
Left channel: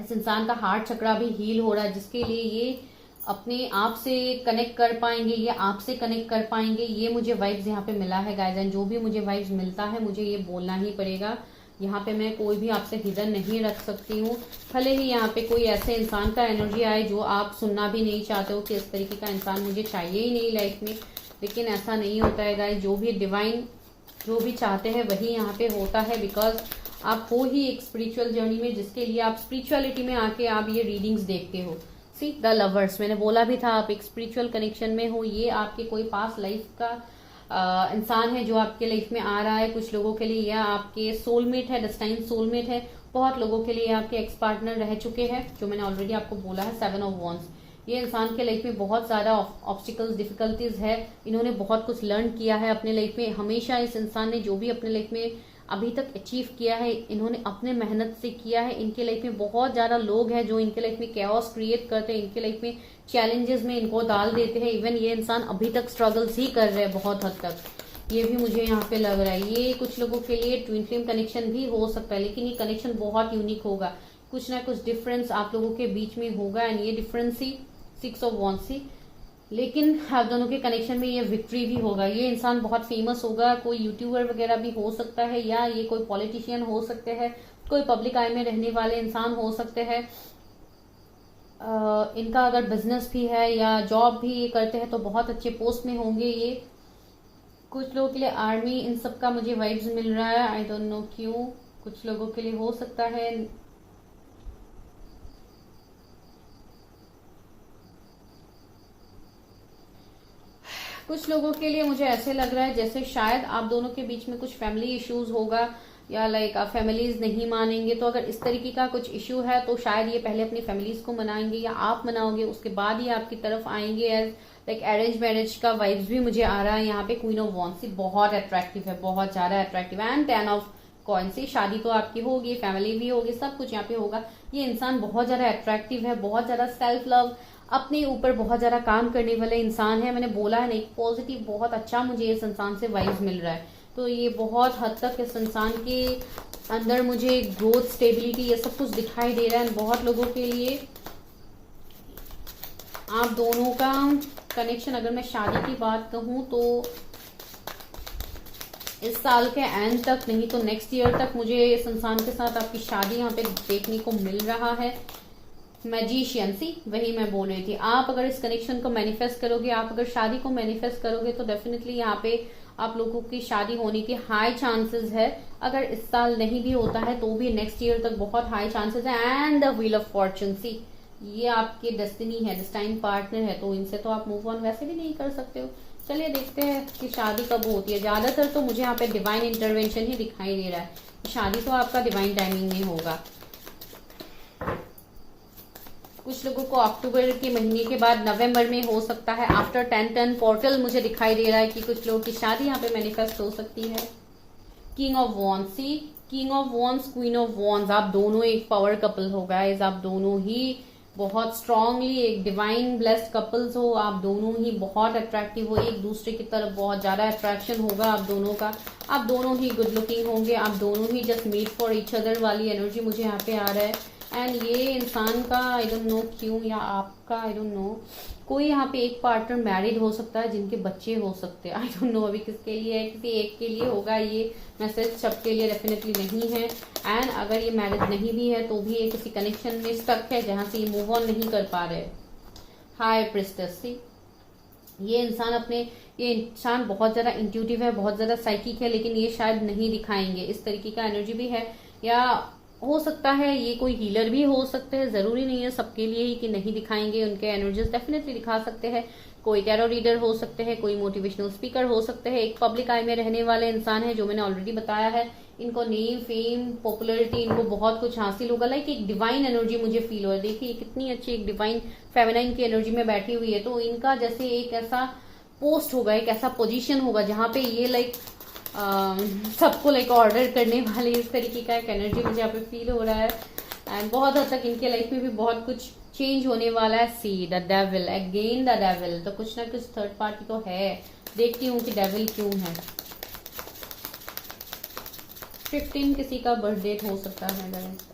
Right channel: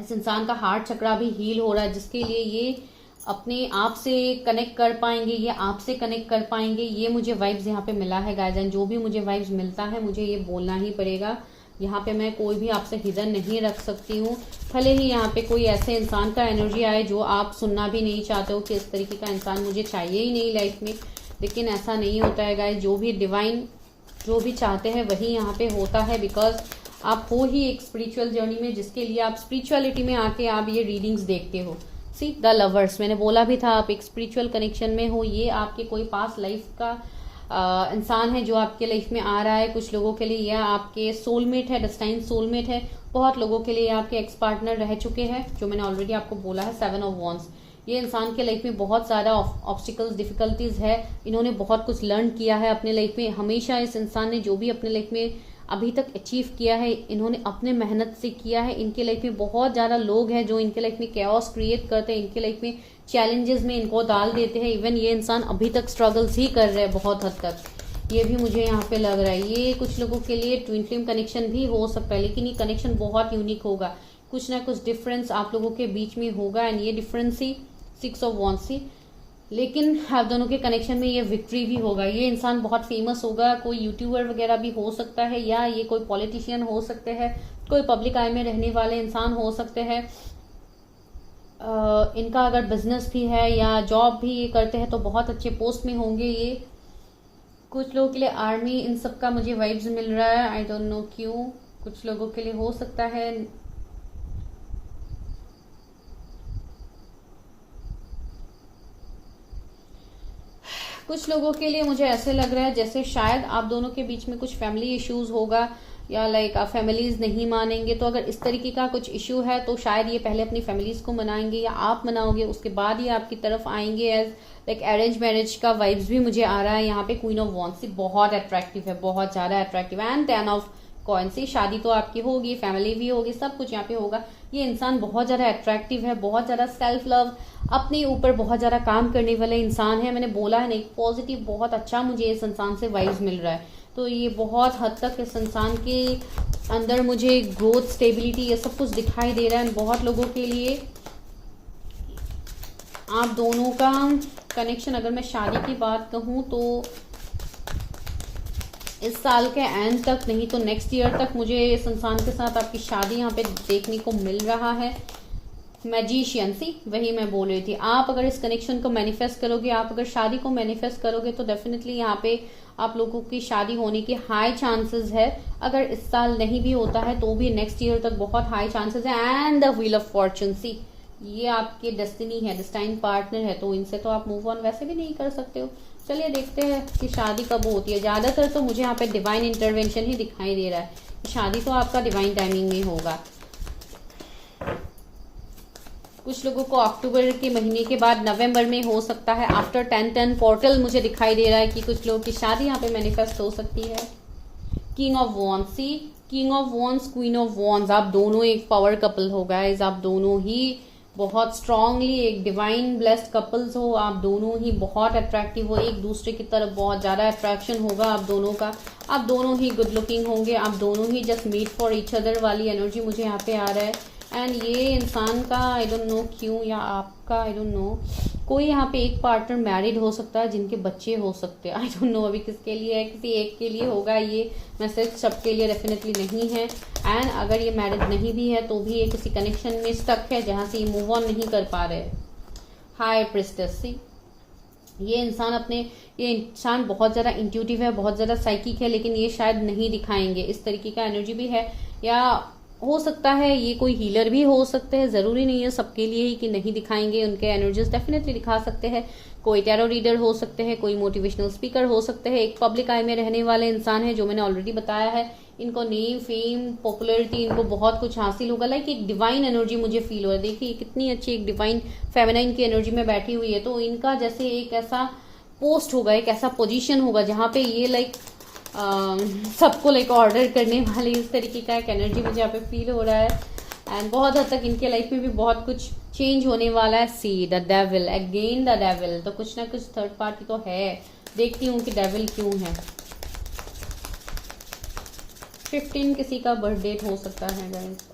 इस इंसान का हार्ट चक्रा भी हील हो रहा है, जिसके लिए ये अपने आप से कनेक्ट कर पाएंगे, ये आपसे कनेक्ट कर पाएंगे। ये मुझे वाइब्स यहाँ पे मिला है गाइस, एंड जो भी मुझे वाइब्स मिलता है मुझे ये बोलना ही पड़ेगा। यहाँ पे मैं कोई भी आपसे हिडन नहीं रख सकती हूँ, भले ही यहाँ पे कोई ऐसे इंसान का एनर्जी आए जो आप सुनना भी नहीं चाहते हो कि इस तरीके का इंसान मुझे चाहिए ही नहीं लाइफ में, लेकिन ऐसा नहीं होता है गाइस। जो भी डिवाइन जो भी चाहते हैं वही यहाँ पे होता है, बिकॉज आप हो ही एक स्पिरिचुअल जर्नी में, जिसके लिए आप स्पिरिचुअलिटी में आके आप ये रीडिंग्स देखते हो। सी द लवर्स, मैंने बोला भी था आप एक स्पिरिचुअल कनेक्शन में हो। ये आपके कोई पास लाइफ का इंसान है जो आपके लाइफ में आ रहा है। कुछ लोगों के लिए यह आपके सोलमेट है, डेस्टाइन सोलमेट है। बहुत लोगों के लिए आपके एक्स पार्टनर रह चुके हैं, जो मैंने ऑलरेडी आपको बोला है। 7 ऑफ वॉन्ड्स, ये इंसान के लाइफ में बहुत ज्यादा ऑब्स्टिकल्स डिफिकल्टीज है। इन्होंने बहुत कुछ लर्न किया है अपने लाइफ में। हमेशा इस इंसान ने जो भी अपने लाइफ में अभी तक अचीव किया है, इन्होंने अपने मेहनत से किया है। इनके लाइफ में बहुत ज्यादा लोग हैं जो इनके लाइफ में कैओस क्रिएट करते हैं, इनके लाइफ में चैलेंजेस में इनको डाल देते हैं। इवन ये इंसान अभी तक स्ट्रगल्स ही कर रहे हैं बहुत हद तक, ये भी मुझे यहाँ पे लग रहा है। ये कुछ लोगों के लिए ट्विन फ्लेम कनेक्शन भी हो सकता है, लेकिन ये कनेक्शन बहुत यूनिक होगा। कुछ ना कुछ डिफरेंस आप लोगों के बीच में होगा, एंड ये डिफरेंस ही 6 ऑफ वॉन्ड्स ही। लेकिन आप दोनों के कनेक्शन में ये विक्ट्री भी होगा। ये इंसान बहुत फेमस होगा, कोई यूट्यूबर वगैरह भी हो सकता है, या ये कोई पॉलिटिशियन हो सकते हैं, कोई पब्लिक आई में रहने वाले इंसान हो सकते हैं। इनका अगर बिजनेस भी है या जॉब भी ये करते हैं तो बहुत अच्छे पोस्ट में होंगे ये। कुछ लोगों के लिए आर्मी, इन सब का मुझे वाइब्स मिल रहा है, आई डोंट नो क्यों। कुछ लोगों के लिए हो सकता है कुछ लोगों के लिए मुझे ऐसे लग रहा है जैसे शायद आप दोनों के बीच में कुछ फैमिली इश्यूज होगा, या लाइक आप फैमिलीज नहीं मानेंगे। तो अगर इस तरीके का कुछ इश्यू है तो शायद ये पहले अपनी फैमिलीज को मनाएंगे, या आप मनाओगे, उसके बाद ये आपकी तरफ आएंगे। एज लाइक अरेंज मैरिज का वाइब्स भी मुझे आ रहा है यहाँ पे। क्वीन ऑफ वॉन्ड्स बहुत अट्रैक्टिव है, बहुत ज्यादा अट्रैक्टिव है। एंड 10 ऑफ कॉइन्स, शादी तो आपकी होगी, फैमिली भी होगी, सब कुछ यहाँ पे होगा। ये इंसान बहुत ज्यादा अट्रैक्टिव है, बहुत ज्यादा सेल्फ लव, अपने ऊपर बहुत ज्यादा काम करने वाले इंसान है। मैंने बोला है ना, एक पॉजिटिव बहुत अच्छा मुझे इस इंसान से वाइब्स मिल रहा है। तो ये बहुत हद तक इस इंसान के अंदर मुझे ग्रोथ, स्टेबिलिटी, ये सब कुछ दिखाई दे रहा है। बहुत लोगों के लिए आप दोनों का कनेक्शन, अगर मैं शादी की बात कहूं तो इस साल के एंड तक, नहीं तो नेक्स्ट ईयर तक मुझे इस इंसान के साथ आपकी शादी यहाँ पे देखने को मिल रहा है। मैजिशियन, सी वही मैं बोल रही थी। आप अगर इस कनेक्शन को मैनिफेस्ट करोगे, आप अगर शादी को मैनिफेस्ट करोगे, तो डेफिनेटली यहाँ पे आप लोगों की शादी होने की हाई चांसेस है। अगर इस साल नहीं भी होता है तो भी नेक्स्ट ईयर तक बहुत हाई चांसेस है। And the wheel of fortune, see ये आपके डेस्टिनी है, डेस्टाइन पार्टनर है, तो इनसे तो आप मूव ऑन वैसे भी नहीं कर सकते हो। चलिए देखते हैं कि शादी कब होती है। ज्यादातर तो मुझे यहाँ पे डिवाइन इंटरवेंशन ही दिखाई दे रहा है। शादी तो आपका डिवाइन टाइमिंग में होगा। कुछ लोगों को अक्टूबर के महीने के बाद नवंबर में हो सकता है। आफ्टर 10-10 पोर्टल मुझे दिखाई दे रहा है कि कुछ लोगों की शादी यहाँ पे मैनिफेस्ट हो सकती है। King of wands, see king of wands, queen of wands, आप दोनों एक पावर कपल हो गाइस। आप दोनों ही बहुत स्ट्रांगली एक डिवाइन ब्लेस्ड कपल्स हो। आप दोनों ही बहुत अट्रैक्टिव हो, एक दूसरे की तरफ बहुत ज्यादा अट्रैक्शन होगा आप दोनों का। आप दोनों ही गुड लुकिंग होंगे, आप दोनों ही just meet for each other वाली एनर्जी मुझे यहाँ पे आ रहा है। एंड ये इंसान का आई डोंट नो क्यों, या आपका आई डोंट नो, कोई यहाँ पे एक पार्टनर मैरिड हो सकता है जिनके बच्चे हो सकते हैं। आई डोंट नो अभी किसके लिए है, किसी एक के लिए होगा ये मैसेज, सबके लिए डेफिनेटली नहीं है। एंड अगर ये मैरिड नहीं भी है तो भी ये किसी कनेक्शन में स्टक है जहां से ये मूव ऑन नहीं कर पा रहे। हाई प्रिस्टेस, सी ये इंसान बहुत ज्यादा इंट्यूटिव है, बहुत ज्यादा साइकिक है, लेकिन ये शायद नहीं दिखाएंगे। इस तरीके का एनर्जी भी है, या हो सकता है ये कोई हीलर भी हो सकते हैं। जरूरी नहीं है सबके लिए ही कि नहीं दिखाएंगे, उनके एनर्जीज डेफिनेटली दिखा सकते हैं। कोई टैरो रीडर हो सकते हैं, कोई मोटिवेशनल स्पीकर हो सकते हैं, एक पब्लिक आई में रहने वाले इंसान है जो मैंने ऑलरेडी बताया है। इनको नेम, फेम, पॉपुलैरिटी, इनको बहुत कुछ हासिल होगा। लाइक एक डिवाइन एनर्जी मुझे फील हो रहा है। देखिए कितनी अच्छी एक डिवाइन फेमिनाइन की एनर्जी में बैठी हुई है। तो इनका जैसे एक ऐसा पोस्ट होगा, एक ऐसा पोजीशन होगा जहां पे ये लाइक सबको लाइक ऑर्डर करने वाले, इस तरीके का एक एनर्जी मुझे यहाँ पे फील हो रहा है। एंड बहुत हद तक इनके लाइफ में भी बहुत कुछ चेंज होने वाला है। See the devil, again the devil, तो कुछ ना कुछ थर्ड पार्टी तो है। देखती हूँ कि डेविल क्यों है। 15 किसी का बर्थ डेट हो सकता है गाइस।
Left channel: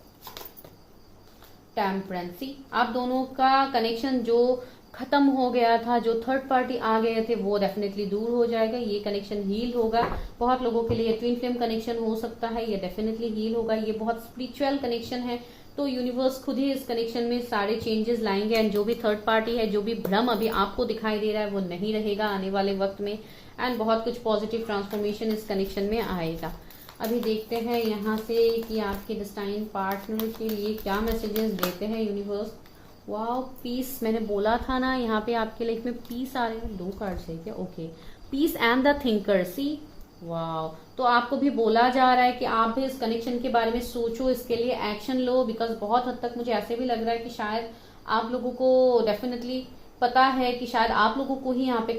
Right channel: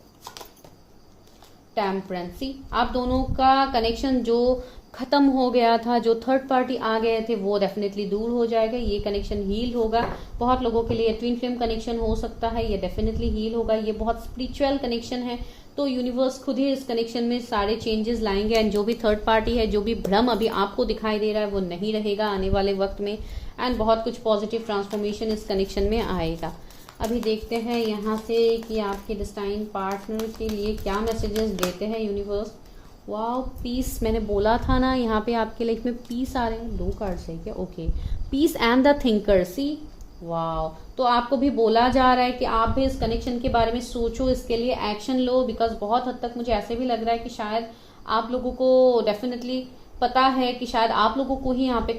टेम्परेंसी, आप दोनों का कनेक्शन जो खत्म हो गया था, जो थर्ड पार्टी आ गए थे, वो डेफिनेटली दूर हो जाएगा। ये कनेक्शन हील होगा। बहुत लोगों के लिए ट्विन फ्लेम कनेक्शन हो सकता है, ये डेफिनेटली हील होगा। ये बहुत स्पिरिचुअल कनेक्शन है, तो यूनिवर्स खुद ही इस कनेक्शन में सारे चेंजेस लाएंगे। एंड जो भी थर्ड पार्टी है, जो भी भ्रम अभी आपको दिखाई दे रहा है, वो नहीं रहेगा आने वाले वक्त में। एंड बहुत कुछ पॉजिटिव ट्रांसफॉर्मेशन इस कनेक्शन में आएगा। अभी देखते हैं यहाँ से कि आपके डिस्टाइन पार्टनर के लिए क्या मैसेजेस देते हैं यूनिवर्स। वाओ, पीस, मैंने बोला था ना यहाँ पे आपके लाइफ में पीस आ रहे हैं। 2 कार्ड्स है क्या? Okay, peace and the thinker, see wow. तो आपको भी बोला जा रहा है कि आप भी इस कनेक्शन के बारे में सोचो, इसके लिए एक्शन लो। बिकॉज बहुत हद तक मुझे ऐसे भी लग रहा है कि शायद आप लोगों को डेफिनेटली पता है कि शायद आप लोगों को ही यहाँ पे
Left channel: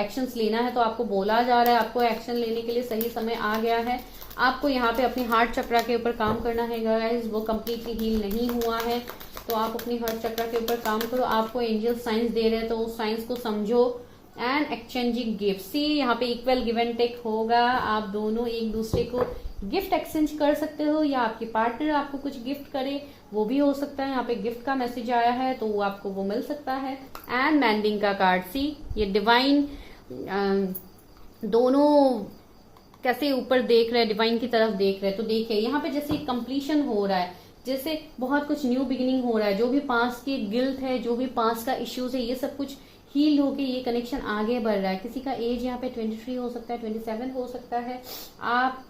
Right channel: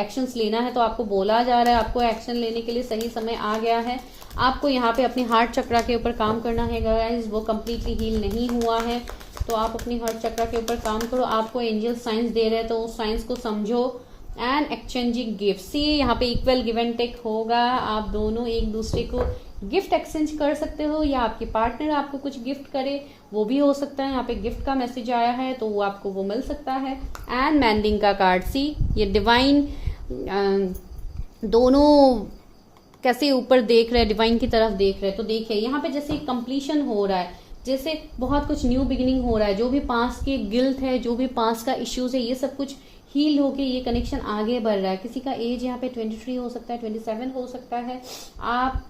एक्शंस लेना है। तो आपको बोला जा रहा है आपको एक्शन लेने के लिए सही समय आ गया है। आपको यहाँ पे अपनी हार्ट चक्रा के ऊपर काम करना है गाइस। वो कम्प्लीटली हील नहीं हुआ है, तो आप अपनी हार्ट चक्रा के ऊपर काम करो। आपको एंजल साइंस दे रहे हैं, तो उस साइंस को समझो। एंड एक्सचेंजिंग गिफ्ट, सी यहाँ पे इक्वल गिव एंड टेक होगा। आप दोनों एक दूसरे को गिफ्ट एक्सचेंज कर सकते हो, या आपके पार्टनर आपको कुछ गिफ्ट करे, वो भी हो सकता है। यहाँ पे गिफ्ट का मैसेज आया है, तो वो आपको वो मिल सकता है। एंड मैंडिंग का कार्ड, सी ये डिवाइन दोनों कैसे ऊपर देख रहे हैं, डिवाइन की तरफ देख रहे हैं। तो देखिए यहाँ पे जैसे कंप्लीशन हो रहा है, जैसे बहुत कुछ न्यू बिगिनिंग हो रहा है। जो भी पास के गिल्ट है, जो भी पास का इश्यूज है, ये सब कुछ हील होके ये कनेक्शन आगे बढ़ रहा है। किसी का एज यहाँ पे 23 हो सकता है, 27 हो सकता है। आप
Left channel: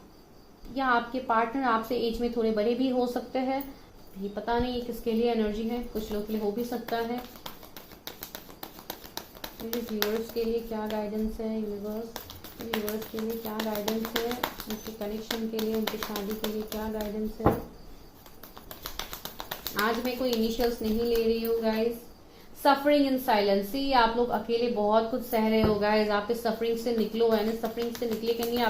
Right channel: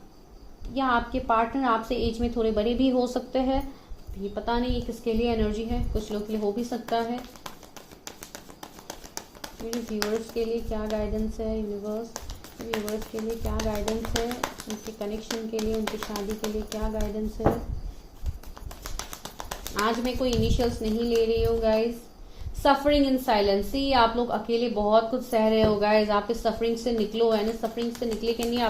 या आपके पार्टनर आपसे एज में थोड़े बड़े भी हो सकते हैं। ये पता नहीं ये किसके लिए एनर्जी है, कुछ लोग के लिए हो भी सकता है। व्यूअर्स के लिए क्या गाइडेंस है यूनिवर्स, व्यूअर्स के लिए क्या गाइडेंस है, उनके कनेक्शन के लिए, उनकी शादी के लिए क्या गाइडेंस है। आज मैं कोई इनिशियल्स नहीं ले रही हूँ गाइज। सफरिंग इन साइलेंस, ही आप लोग अकेले बहुत कुछ सह रहे हो गाइज। आप इस सफरिंग से निकलो, है ना। सफरिंग से निकले के लिए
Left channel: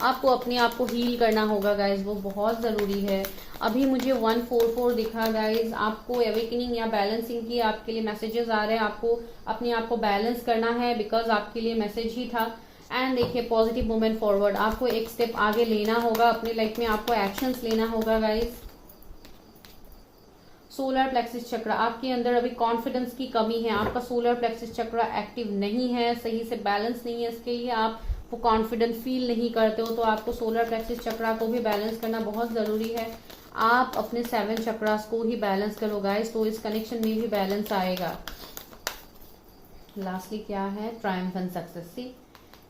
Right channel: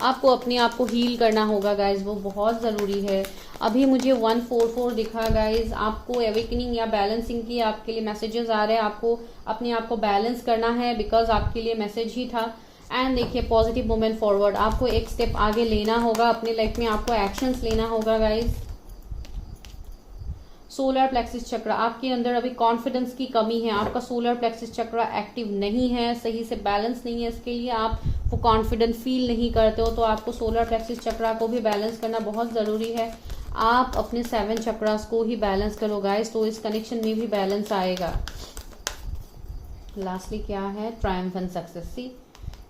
आपको अपने आप को हील करना होगा गाइज, वो बहुत जरूरी है। अभी मुझे 144 दिखा गाइज। आपको एवेकनिंग या बैलेंसिंग की आपके लिए मैसेजेस आ रहे हैं। आपको अपने आप को बैलेंस करना है, बिकॉज आपके लिए मैसेज ही था। एंड देखिए पॉजिटिव मूवमेंट फॉरवर्ड, आपको एक स्टेप आगे लेना होगा अपने लाइफ में, आपको एक्शंस लेना होगा गाइज। सोलर प्लेक्सिस चक्र, आपके अंदर अभी कॉन्फिडेंस की कमी है। आपका सोलर प्लेक्सिस चक्र एक्टिव नहीं है, सही से बैलेंस नहीं है, इसके लिए आप वो कॉन्फिडेंट फील नहीं करते हो। तो आपको सोलर प्लेक्सिस चक्र को भी बैलेंस करना बहुत जरूरी है। आप अपने 7 चक्रास को ही बैलेंस करो गाइस, तो इस कनेक्शन में भी बैलेंस आएगा। लास्टली क्या है, ट्रायम्फेंट सक्सेस। सी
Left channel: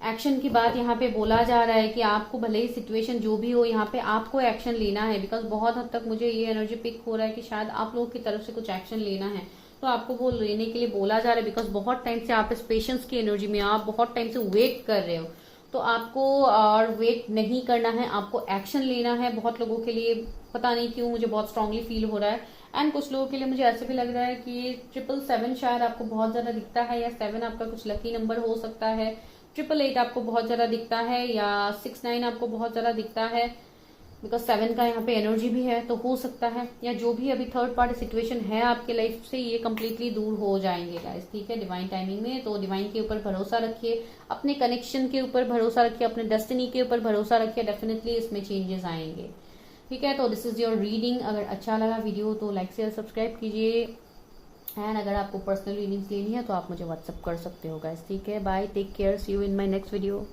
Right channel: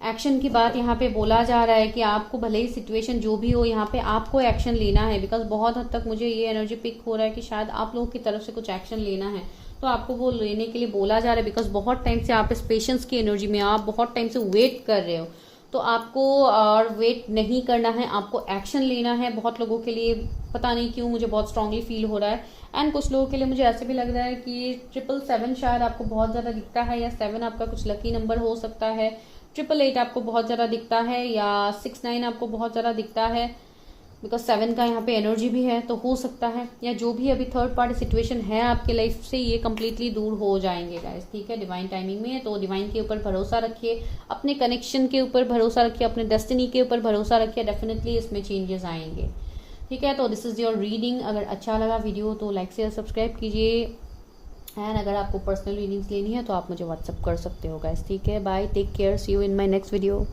एक्शन की बात यहाँ पे बोला जा रहा है कि आपको भले ही सिचुएशन जो भी हो, यहाँ पे आपको एक्शन लेना है। बिकॉज बहुत हद तक मुझे ये एनर्जी पिक हो रहा है कि शायद आप लोगों की तरफ से कुछ एक्शन लेना है, तो आपको वो लेने के लिए बोला जा रहा है। बिकॉज बहुत टाइम से आप इस पेशेंस की एनर्जी में, आप बहुत टाइम से वेट कर रहे हो, तो आपको और वेट नहीं करना है, आपको एक्शन लेना है। बहुत लोगों के लिए पता नहीं क्यों मुझे बहुत स्ट्रांगली फील हो रहा है एंड कुछ लोगों के लिए मुझे ऐसे भी लग रहा है कि 777 शायद आपको बहुत ज्यादा दिखता है, या 7 आपका कुछ लकी नंबर हो सकता है, 888 आपको बहुत ज्यादा दिखता है, या 69 आपको बहुत ज्यादा दिखता है, बिकॉज 7 का यहाँ पे एनर्जी भी है, तो हो सकता है, या जो भी अभी थर्ड पार्टी सिचुएशन है आपके लाइफ से, ये कंप्लीटली दूर हो जाएंगे गाइस, ठीक है, डिवाइन टाइमिंग में। तो डिवाइन के ऊपर भरोसा रखिए, अपने कनेक्शन के ऊपर भरोसा रखिए, अपने डेस्टिनी के ऊपर भरोसा रखिए, डेफिनेटली इसमें चेंजेस आएंगे, ठीक है। तो दिस इज योर रीडिंग। अगर अच्छा लगा वीडियो तो लाइक शेयर सब्सक्राइब कीजिए, एंड अगर आपको पर्सनल रीडिंग्स लेनी है तो आप मुझे व्हाट्सअप कर सकते हो गाइस, ठीक है। Bye, take care, see you in my next video.